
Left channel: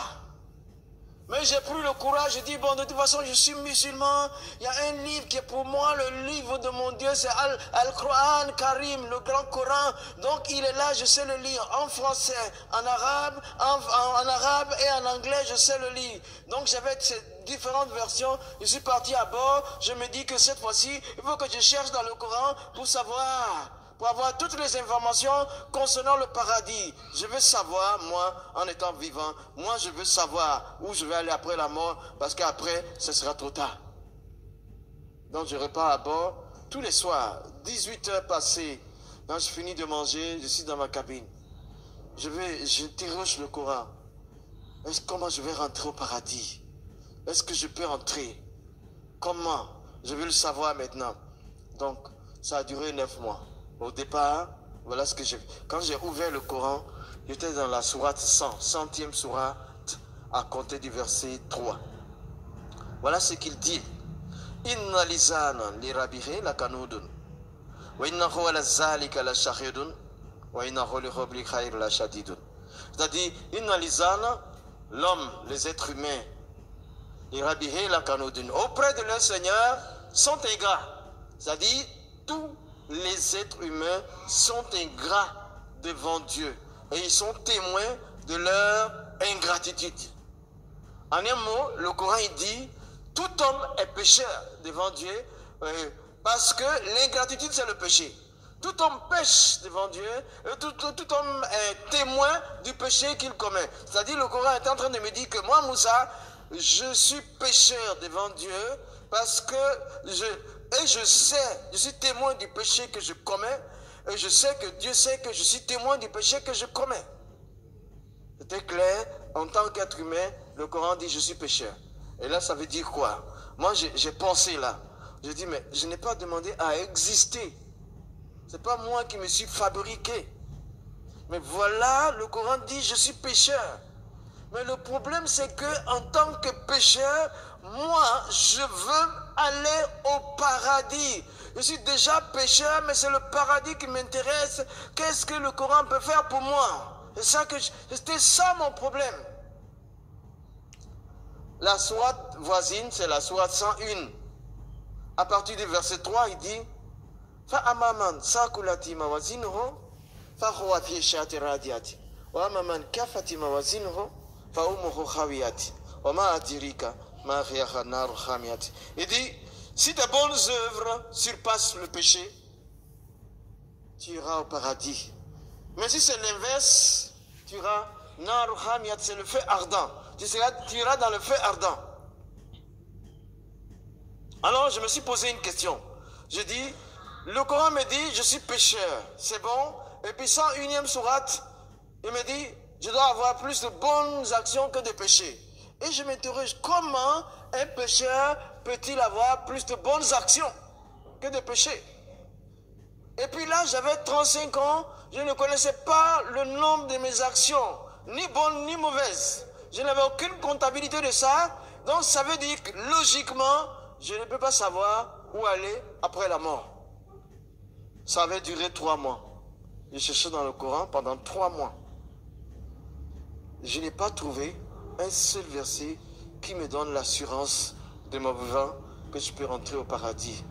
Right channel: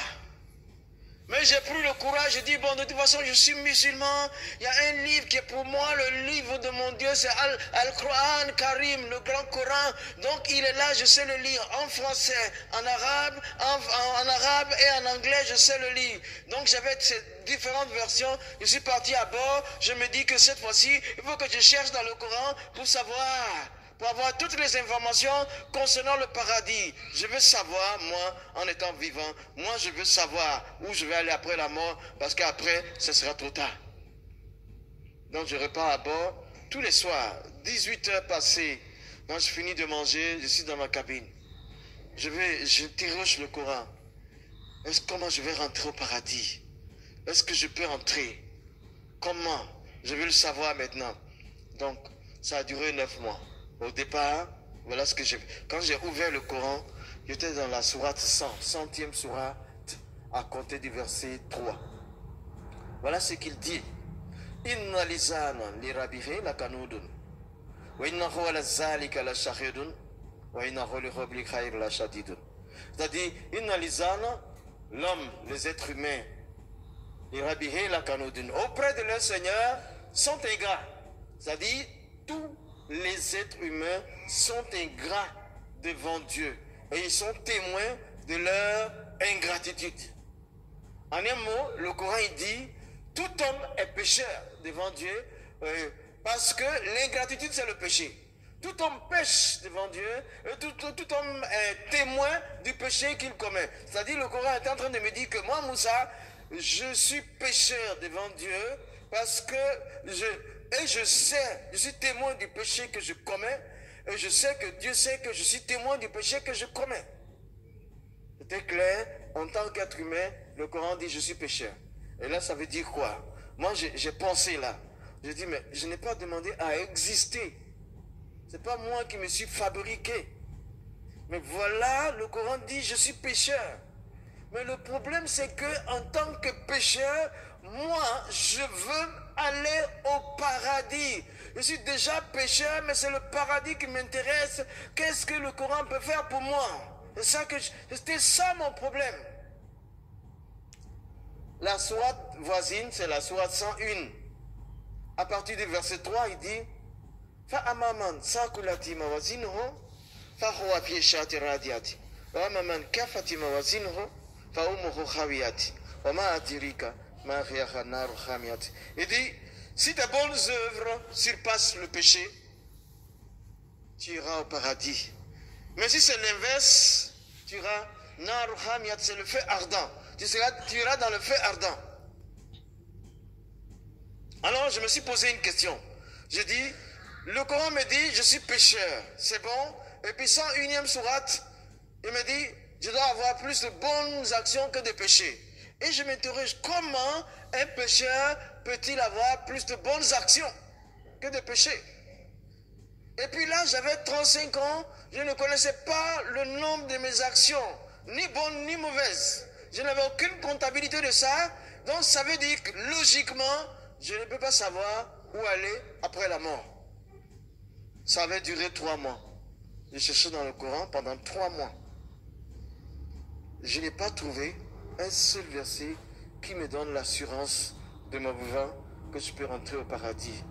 Mais j'ai pris le courage, j'ai dit, bon, de toute façon, je suis musulman. Il y a un livre qui est pour moi le livre de mon Dieu, c'est Al-Quran Karim, le grand Coran. Donc, il est là, je sais le lire en français, en arabe, en arabe et en anglais, je sais le lire. Donc, j'avais ces différentes versions. Je suis parti à bord. Je me dis que cette fois-ci, il faut que je cherche dans le Coran pour savoir, pour avoir toutes les informations concernant le paradis. Je veux savoir, moi, en étant vivant, moi je veux savoir où je vais aller après la mort, parce qu'après, ce sera trop tard. Donc je repars à bord, tous les soirs, 18 heures passées, quand je finis de manger, je suis dans ma cabine. Je déroge le Coran. Comment je vais rentrer au paradis? Est-ce que je peux rentrer? Comment? Je veux le savoir maintenant. Donc, ça a duré 9 mois. Au départ, voilà ce que j'ai fait. Quand j'ai ouvert le Coran, j'étais dans la sourate 100, 100e sourate, à compter du verset 3. Voilà ce qu'il dit. Inna lisana li rabihi la kanudun. Wa innahu ala zalika la shahidun. Wa innahu li hubli khair la shadidun. C'est-à-dire, inna lisana, l'homme, les êtres humains, li rabihi la kanudun, auprès de leur Seigneur, sont ingrats. C'est-à-dire, tous les êtres humains sont ingrats devant Dieu et ils sont témoins de leur ingratitude. En un mot, le Coran il dit tout homme est pécheur devant Dieu parce que l'ingratitude c'est le péché. Tout homme pêche devant Dieu et tout homme est témoin du péché qu'il commet. C'est-à-dire le Coran est en train de me dire que moi Moussa, je suis pécheur devant Dieu parce que je sais, je suis témoin du péché que je commets, et je sais que Dieu sait que je suis témoin du péché que je commets. C'était clair, en tant qu'être humain, le Coran dit je suis pécheur. Et là, ça veut dire quoi? Moi, j'ai pensé là. Je dis, mais je n'ai pas demandé à exister. Ce n'est pas moi qui me suis fabriqué. Mais voilà, le Coran dit, je suis pécheur. Mais le problème, c'est que en tant que pécheur, moi, je veux aller au paradis. Je suis déjà pécheur, mais c'est le paradis qui m'intéresse. Qu'est-ce que le Coran peut faire pour moi? C'était ça mon problème. La sourate voisine, c'est la sourate 101. À partir du verset 3, il dit فَأَمَّا سَاقُلَتِ مَوَازِينُهُ فَهُوَ فِي عِيشَةٍ رَاضِيَةٍ وَأَمَّا مَنْ كَفَّتْ مَوَازِينُهُ فَأُمُّهُ خَاوِيَةٌ وَمَا أَدْرَاكَ مَا هِيَ نَارٌ حَامِيَةٌ. Il dit, si tes bonnes œuvres surpassent le péché, tu iras au paradis. Mais si c'est l'inverse, tu iras nar hamiyat, c'est le feu ardent. Tu iras dans le feu ardent. Alors je me suis posé une question. Je dis, le Coran me dit, je suis pécheur, c'est bon. Et puis 101e sourate, il me dit, je dois avoir plus de bonnes actions que de péchés. Et je m'interroge, comment un pécheur peut-il avoir plus de bonnes actions que de péchés? Et puis là, j'avais 35 ans, je ne connaissais pas le nombre de mes actions, ni bonnes ni mauvaises. Je n'avais aucune comptabilité de ça, donc ça veut dire que logiquement, je ne peux pas savoir où aller après la mort. Ça avait duré 3 mois. J'ai cherché dans le Coran pendant 3 mois. Je n'ai pas trouvé un seul verset qui me donne l'assurance de mon vivant que je peux rentrer au paradis.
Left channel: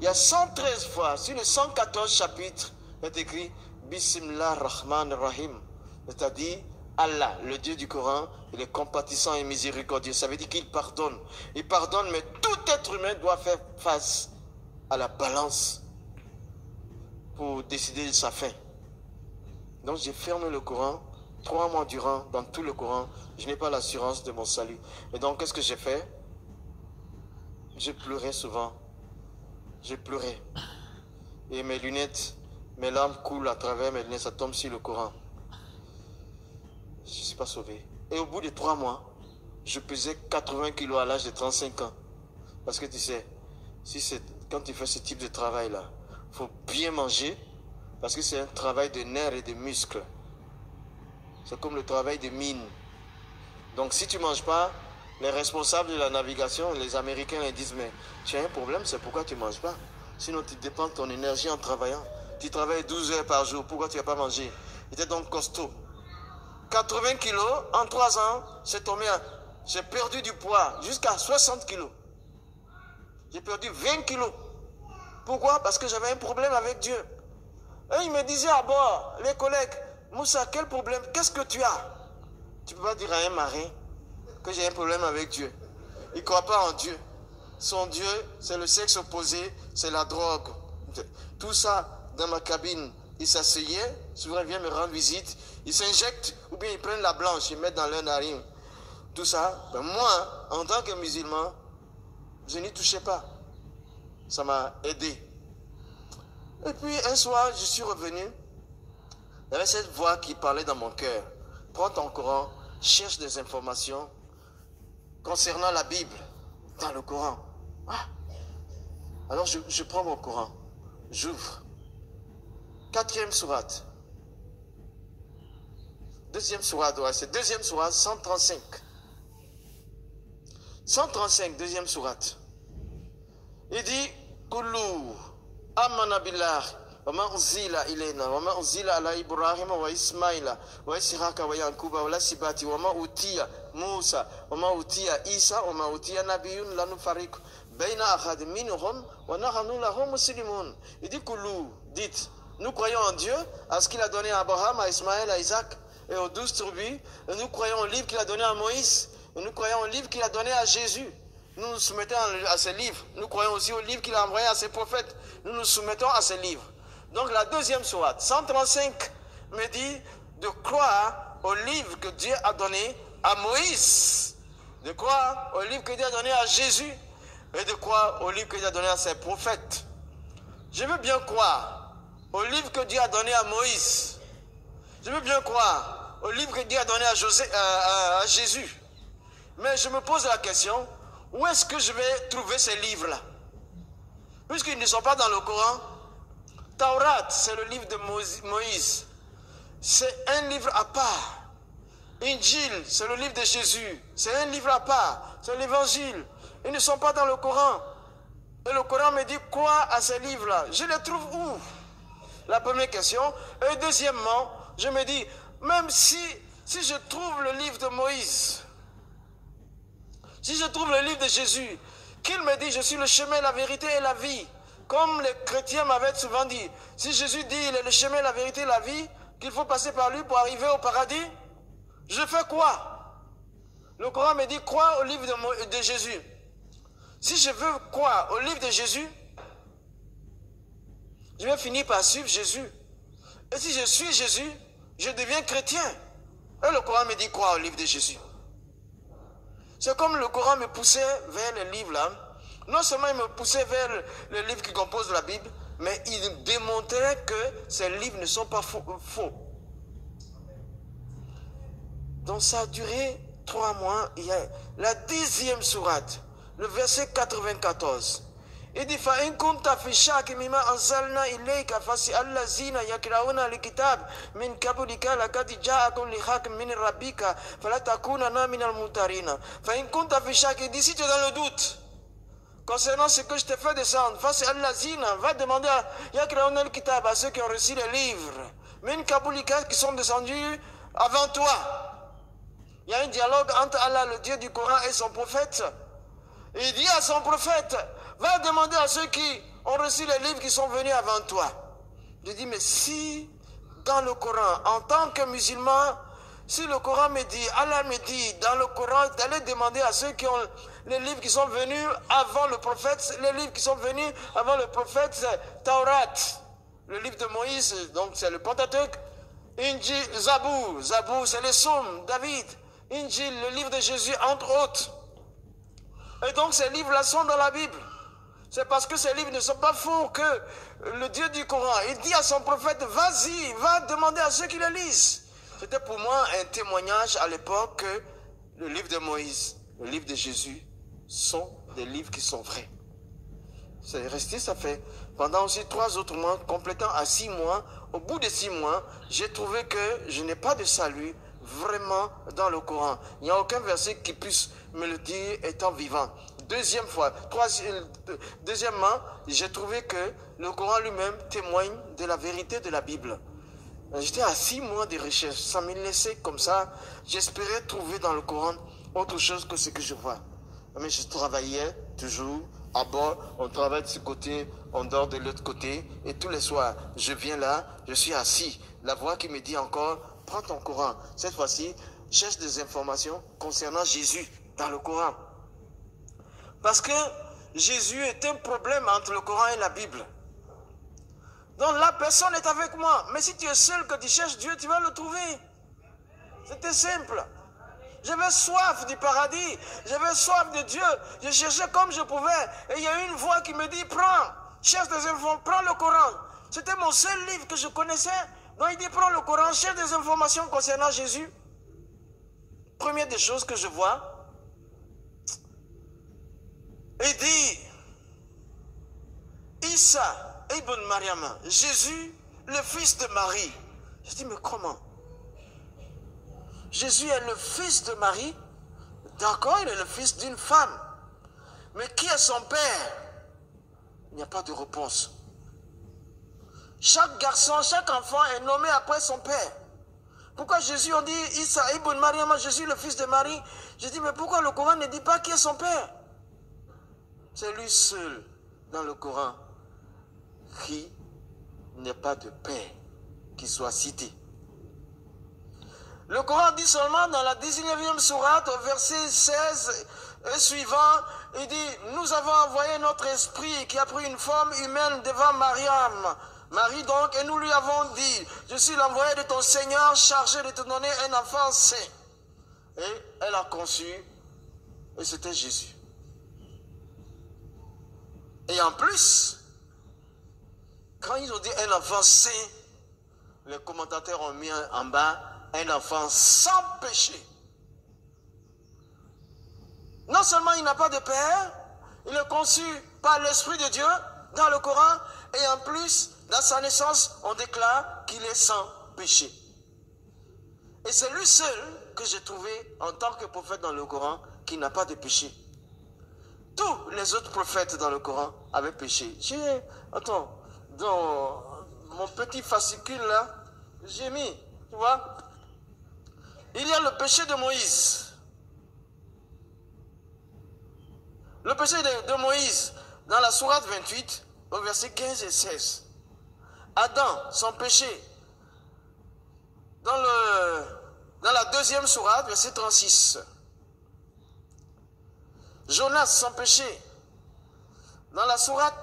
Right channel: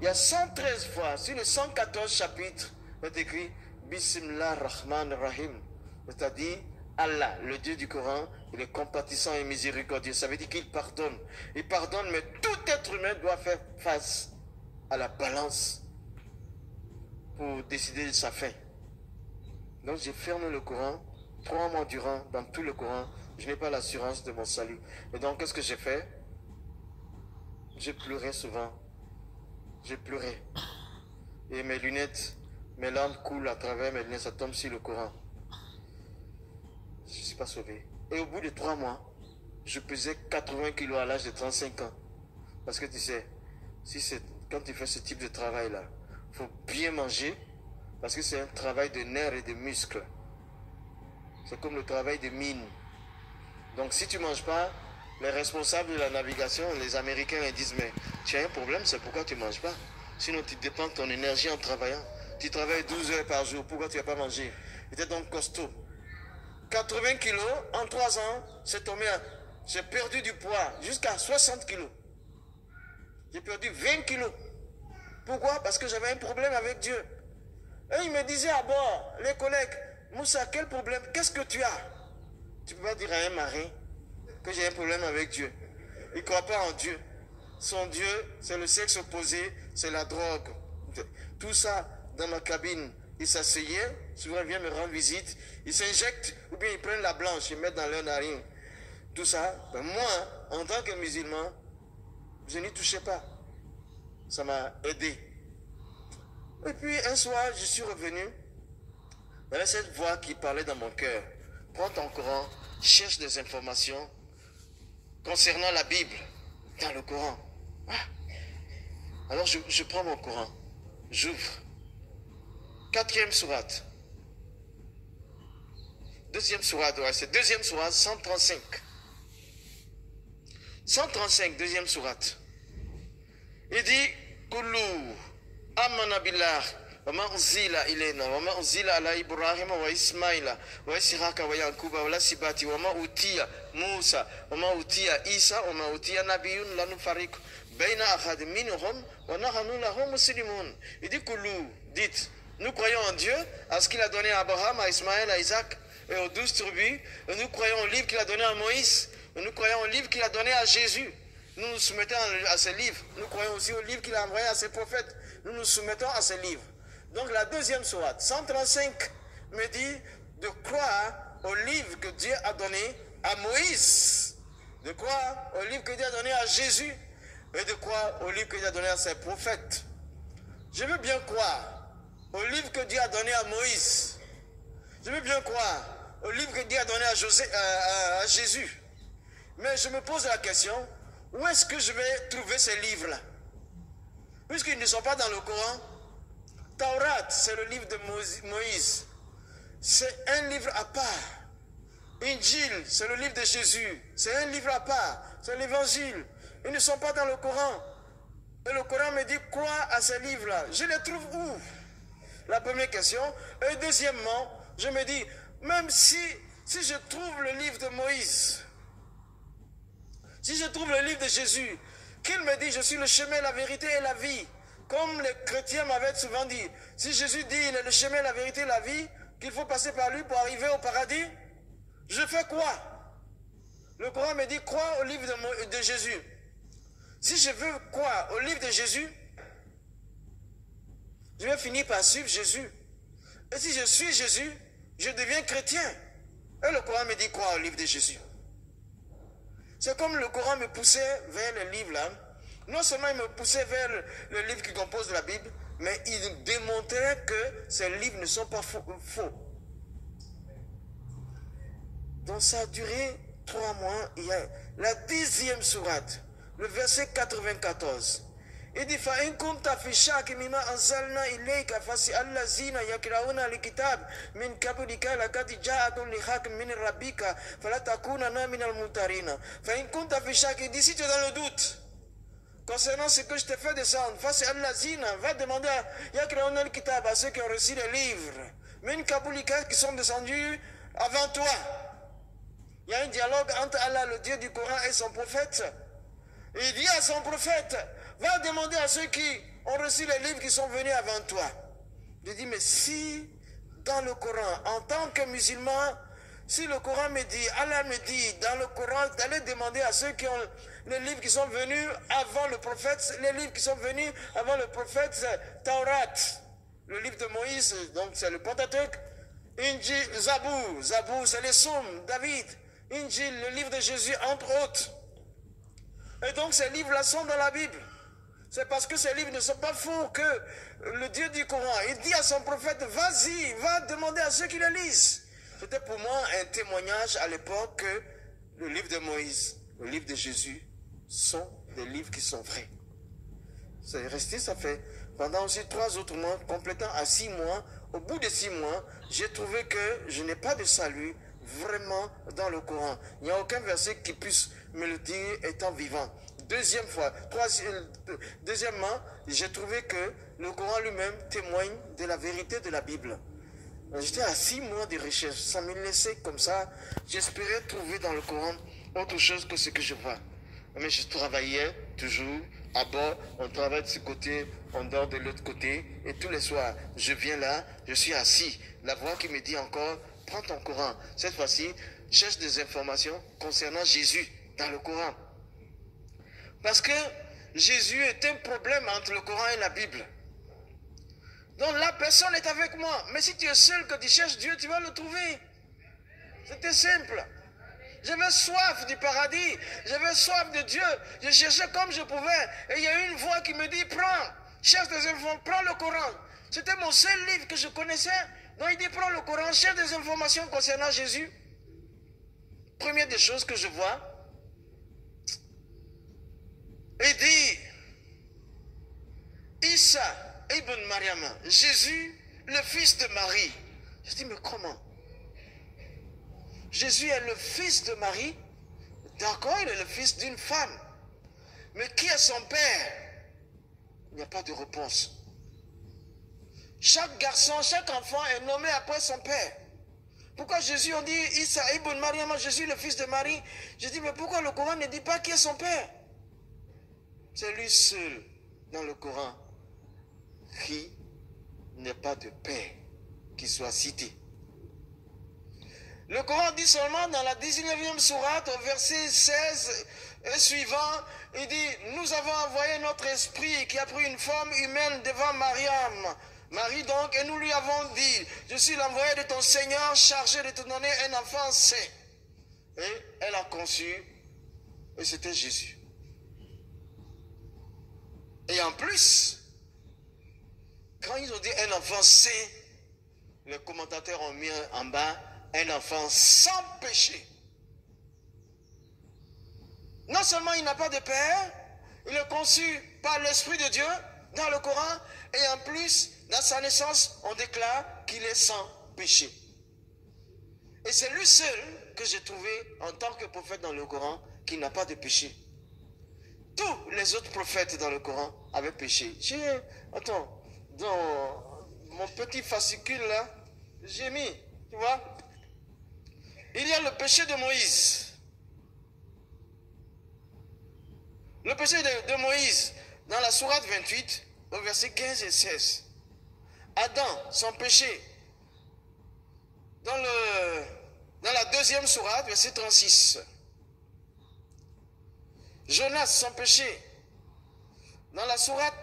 Il y a 113 fois, sur les 114 chapitres, il est écrit Bismillah Rahman Rahim. C'est-à-dire Allah, le Dieu du Coran, il est compatissant et miséricordieux. Ça veut dire qu'il pardonne. Il pardonne, mais tout être humain doit faire face à la balance pour décider de sa fin. Donc j'ai fermé le Coran 3 mois durant, dans tout le Coran. Je n'ai pas l'assurance de mon salut. Et donc qu'est-ce que j'ai fait? J'ai pleuré souvent. J'ai pleuré. Et mes lunettes, mes larmes coulent à travers mes lunettes, ça tombe sur le Coran. Je ne suis pas sauvé. Et au bout de 3 mois, je pesais 80 kilos à l'âge de 35 ans. Parce que tu sais, quand tu fais ce type de travail-là, il faut bien manger, parce que c'est un travail de nerfs et de muscles. C'est comme le travail de mine. Donc si tu ne manges pas, les responsables de la navigation, les Américains, ils disent, mais tu as un problème, c'est pourquoi tu ne manges pas. Sinon tu dépends de ton énergie en travaillant. Tu travailles 12 heures par jour, pourquoi tu n'as pas mangé? J'étais donc costaud. 80 kilos, en 3 ans, j'ai perdu du poids jusqu'à 60 kilos. J'ai perdu 20 kilos. Pourquoi? Parce que j'avais un problème avec Dieu. Et ils me disaient à bord, les collègues, Moussa, quel problème? Qu'est-ce que tu as? Tu ne peux pas dire à un marin que j'ai un problème avec Dieu. Il ne croit pas en Dieu. Son Dieu, c'est le sexe opposé, c'est la drogue. Tout ça dans ma cabine. Ils s'asseyaient, souvent ils viennent me rendre visite, ils s'injectent ou bien ils prennent la blanche, ils mettent dans leur narine. Tout ça, ben moi, en tant que musulman, je n'y touchais pas. Ça m'a aidé. Et puis un soir, je suis revenu. Il y avait cette voix qui parlait dans mon cœur. Prends ton Coran, cherche des informations concernant la Bible dans le Coran. Ah. Alors je prends mon Coran, j'ouvre. 4e sourate. 2e sourate, ouais, c'est 2e sourate, 135. 135, 2e sourate. Il dit, Kullu amana billah wa ma unzila ilayna wa ma unzila ala Ibrahim wa Ismaila wa Ishaqa wa Yaquba wa lasibati wa ma utiya Musa wa ma utiya Isa wa ma utiya nabiyyun la nufariqu baina ahad minhum wa nahnu lahu muslimun. Il dit, Kullu, dites, nous croyons en Dieu, à ce qu'il a donné à Abraham, à Ismaël, à Isaac et aux 12 tribus. Et nous croyons au livre qu'il a donné à Moïse. Et nous croyons au livre qu'il a donné à Jésus. Nous nous soumettons à ces livres. Nous croyons aussi au livre qu'il a envoyé à ses prophètes. Nous nous soumettons à ces livres. Donc la 2e sourate, 135, me dit de croire au livre que Dieu a donné à Moïse. De croire au livre que Dieu a donné à Jésus. Et de croire au livre que Dieu a donné à ses prophètes. Je veux bien croire au livre que Dieu a donné à Moïse. Je veux bien croire au livre que Dieu a donné à Jésus. Mais je me pose la question, où est-ce que je vais trouver ces livres-là? puisqu'ils ne sont pas dans le Coran. Taurat, c'est le livre de Moïse. C'est un livre à part. Injil, c'est le livre de Jésus. C'est un livre à part. C'est l'évangile. Ils ne sont pas dans le Coran. Et le Coran me dit quoi à ces livres-là? Je les trouve où? La première question. Et deuxièmement, je me dis, même si je trouve le livre de Moïse, si je trouve le livre de Jésus, qu'il me dit, je suis le chemin, la vérité et la vie, comme les chrétiens m'avaient souvent dit, si Jésus dit, il est le chemin, la vérité et la vie, qu'il faut passer par lui pour arriver au paradis, je fais quoi? Le Coran me dit, crois au livre de Jésus. Si je veux croire au livre de Jésus, je vais finir par suivre Jésus. Et si je suis Jésus, je deviens chrétien. Et le Coran me dit croire au livre de Jésus. C'est comme le Coran me poussait vers les livres là. Non seulement il me poussait vers le livre qui compose la Bible, mais il démontrait que ces livres ne sont pas faux. Donc ça a duré 3 mois. Il y a la 10e sourate, le verset 94. Il dit fa in kunta fi shakkin mimma anzalna ilayka fas'al allazina yaqra'una alkitab min qablika laqad ja'akum al-haqq min rabbika fala takunanna min al-mumtarin. Fa in kunta fi shakkin, dit si tu es dans le doute concernant ce que je t'ai fait descendre, fas'al allazina, va demander à yaqra'una al-kitab, à ceux qui ont reçu les livres min qablika, qui sont descendus avant toi. Il y a un dialogue entre Allah, le Dieu du Coran, et son prophète. Il dit à son prophète, va demander à ceux qui ont reçu les livres qui sont venus avant toi. Je dis, mais si dans le Coran, en tant que musulman, si le Coran me dit, Allah me dit dans le Coran d'aller demander à ceux qui ont les livres qui sont venus avant le prophète, les livres qui sont venus avant le prophète, c'est Taurat, le livre de Moïse, donc c'est le Pentateuque, Injil, Zabour, c'est les psaumes, David, Injil, le livre de Jésus, entre autres. Et donc ces livres-là sont dans la Bible. C'est parce que ces livres ne sont pas faux que le Dieu du Coran, il dit à son prophète, vas-y, va demander à ceux qui le lisent. C'était pour moi un témoignage à l'époque que le livre de Moïse, le livre de Jésus sont des livres qui sont vrais. C'est resté, ça fait pendant aussi 3 autres mois, complétant à 6 mois. Au bout de 6 mois, j'ai trouvé que je n'ai pas de salut vraiment dans le Coran. Il n'y a aucun verset qui puisse me le dire étant vivant. Deuxièmement, j'ai trouvé que le Coran lui-même témoigne de la vérité de la Bible. J'étais à 6 mois de recherche, ça me laissait comme ça. J'espérais trouver dans le Coran autre chose que ce que je vois. Mais je travaillais toujours à bord, on travaille de ce côté, on dort de l'autre côté, et tous les soirs, je viens là, je suis assis. La voix qui me dit encore, prends ton Coran. Cette fois-ci, cherche des informations concernant Jésus dans le Coran. Parce que Jésus est un problème entre le Coran et la Bible. Donc là, personne n'est avec moi. Mais si tu es seul, que tu cherches Dieu, tu vas le trouver. C'était simple. J'avais soif du paradis. J'avais soif de Dieu. Je cherchais comme je pouvais. Et il y a une voix qui me dit, prends, cherche des informations, prends le Coran. C'était mon seul livre que je connaissais. Donc il dit, prends le Coran, cherche des informations concernant Jésus. Première des choses que je vois, il dit, Isa ibn Mariam, Jésus, le fils de Marie. Je dis, mais comment? Jésus est le fils de Marie. D'accord, il est le fils d'une femme. Mais qui est son père? Il n'y a pas de réponse. Chaque garçon, chaque enfant est nommé après son père. Pourquoi Jésus, on dit Isa ibn Mariam, Jésus, le fils de Marie? Je dis, mais pourquoi le Coran ne dit pas qui est son père? C'est lui seul dans le Coran qui n'est pas de père qui soit cité. Le Coran dit seulement dans la 19e sourate, au verset 16 et suivant, il dit, nous avons envoyé notre esprit qui a pris une forme humaine devant Mariam. Marie donc, et nous lui avons dit, je suis l'envoyé de ton Seigneur chargé de te donner un enfant saint. Et elle a conçu, et c'était Jésus. Et en plus, quand ils ont dit un enfant saint, les commentateurs ont mis en bas un enfant sans péché. Non seulement il n'a pas de père, il est conçu par l'Esprit de Dieu, dans le Coran, et en plus, dans sa naissance, on déclare qu'il est sans péché. Et c'est lui seul que j'ai trouvé en tant que prophète dans le Coran qui n'a pas de péché. Tous les autres prophètes dans le Coran avaient péché. Attends, dans mon petit fascicule là, j'ai mis, tu vois, il y a le péché de Moïse. Le péché de Moïse, dans la sourate 28, au verset 15 et 16. Adam, son péché, dans la deuxième sourate, verset 36. Jonas, son péché, dans la sourate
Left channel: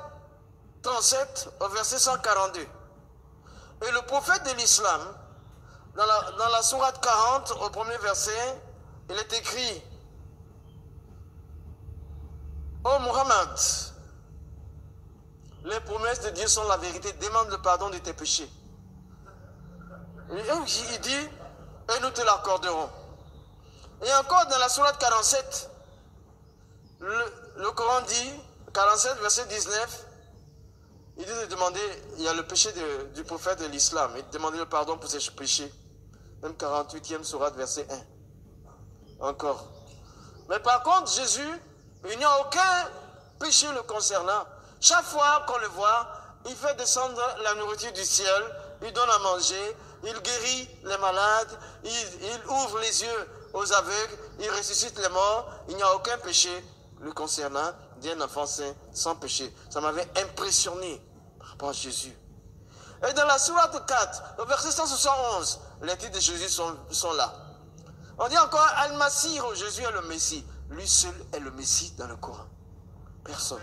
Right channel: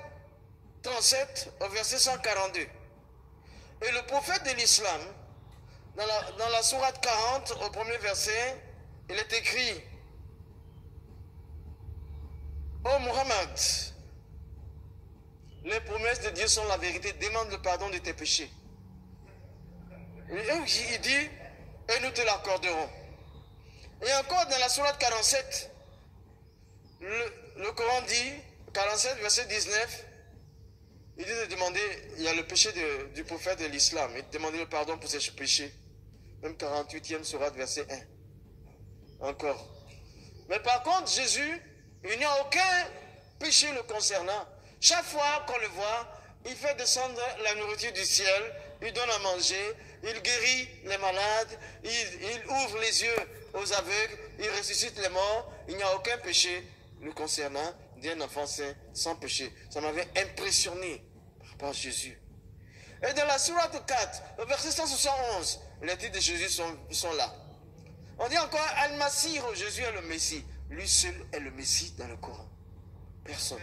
37, au verset 142. Et le prophète de l'islam, dans la sourate 40, au premier verset, il est écrit: Ô Muhammad, les promesses de Dieu sont la vérité, demande le pardon de tes péchés. Il dit, et nous te l'accorderons. Et encore dans la sourate 47, le Coran dit, 47 verset 19, il dit de demander, il y a le péché du prophète de l'islam, et de demander le pardon pour ses péchés. Même 48e sourate verset 1. Encore. Mais par contre, Jésus, il n'y a aucun péché le concernant. Chaque fois qu'on le voit, il fait descendre la nourriture du ciel, il donne à manger, il guérit les malades, il ouvre les yeux aux aveugles, il ressuscite les morts. Il n'y a aucun péché le concernant d'un enfant saint sans péché. Ça m'avait impressionné par rapport à Jésus. Et dans la sourate 4, au verset 171, les titres de Jésus sont là. On dit encore Al-Masih, Jésus est le Messie. Lui seul est le Messie dans le Coran. Personne.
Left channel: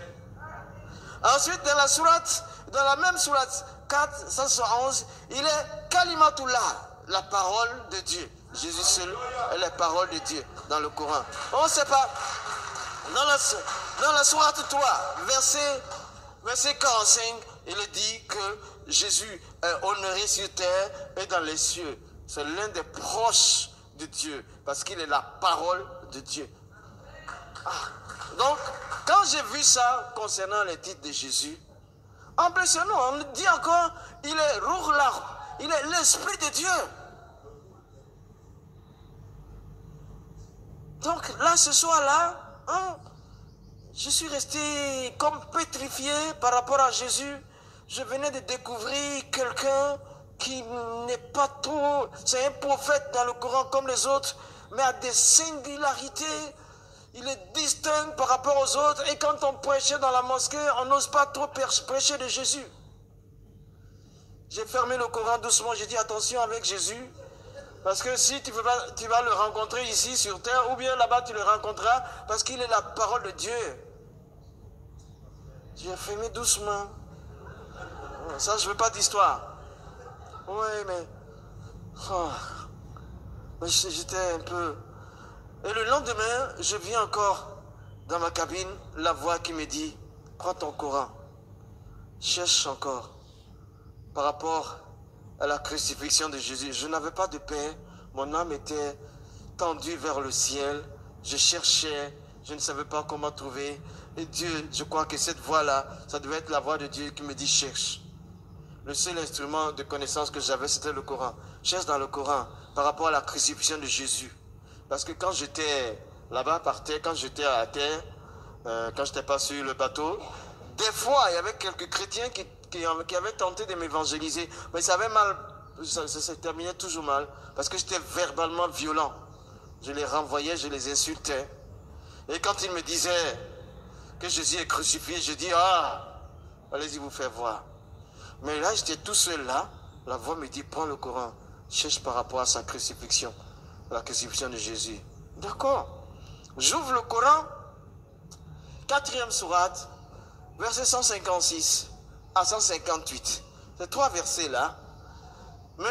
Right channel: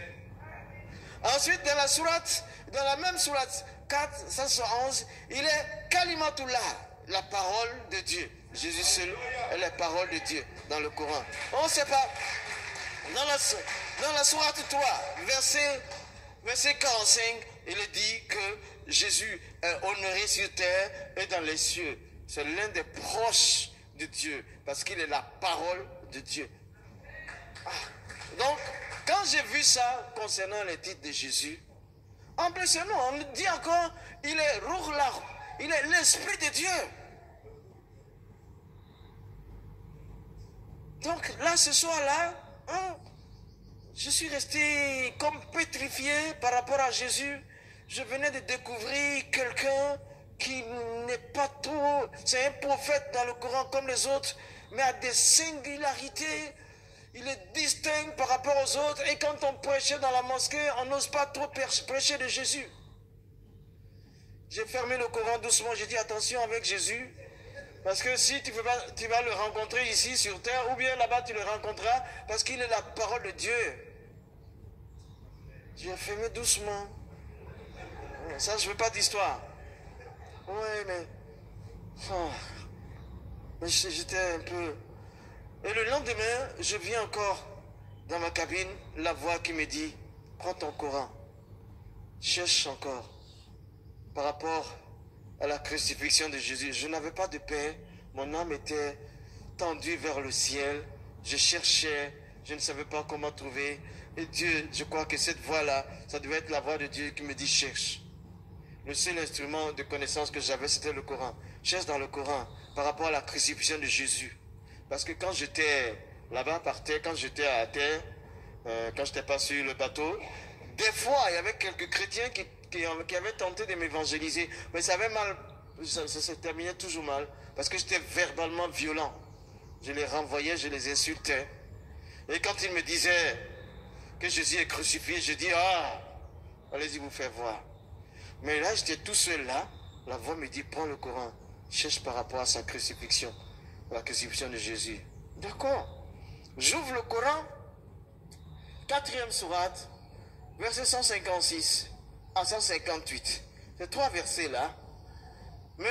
Ensuite, dans la même sourate 4, 171, il est Kalimatullah, la parole de Dieu. Jésus seul est la parole de Dieu dans le Coran. On ne sait pas. Dans la sourate 3, verset 45, il est dit que Jésus est honoré sur terre et dans les cieux. C'est l'un des proches de Dieu, parce qu'il est la parole de Dieu. Donc, quand j'ai vu ça concernant les titres de Jésus, impressionnant, on dit encore, il est Ruhullah, il est l'Esprit de Dieu. Donc là, ce soir-là, je suis resté comme pétrifié par rapport à Jésus. Je venais de découvrir quelqu'un qui n'est pas trop... C'est un prophète dans le Coran comme les autres, mais a des singularités. Il est distinct par rapport aux autres. Et quand on prêchait dans la mosquée, on n'ose pas trop prêcher de Jésus. J'ai fermé le Coran doucement. J'ai dit attention avec Jésus. Parce que si tu vas le rencontrer ici sur terre, ou bien là-bas tu le rencontreras, parce qu'il est la parole de Dieu. J'ai fermé doucement. Ça, je ne veux pas d'histoire. Oui, mais... j'étais un peu... Et le lendemain, je viens encore dans ma cabine, la voix qui me dit, prends ton Coran, cherche encore. Par rapport à la crucifixion de Jésus, je n'avais pas de paix, mon âme était tendue vers le ciel, je cherchais, je ne savais pas comment trouver. Et Dieu, je crois que cette voix-là, ça devait être la voix de Dieu qui me dit cherche. Le seul instrument de connaissance que j'avais, c'était le Coran. Cherche dans le Coran par rapport à la crucifixion de Jésus. Parce que quand j'étais là-bas par terre, quand j'étais à terre, quand je n'étais pas sur le bateau, des fois, il y avait quelques chrétiens qui avaient tenté de m'évangéliser. Mais ça avait mal, ça se terminait toujours mal. Parce que j'étais verbalement violent. Je les renvoyais, je les insultais. Et quand ils me disaient que Jésus est crucifié, je dis, allez-y vous faire voir. Mais là, j'étais tout seul là. La voix me dit, prends le Coran. Cherche par rapport à sa crucifixion. La crucifixion de Jésus. D'accord. J'ouvre le Coran. 4e sourate. Verset 156 à 158. Ces 3 versets là. Mais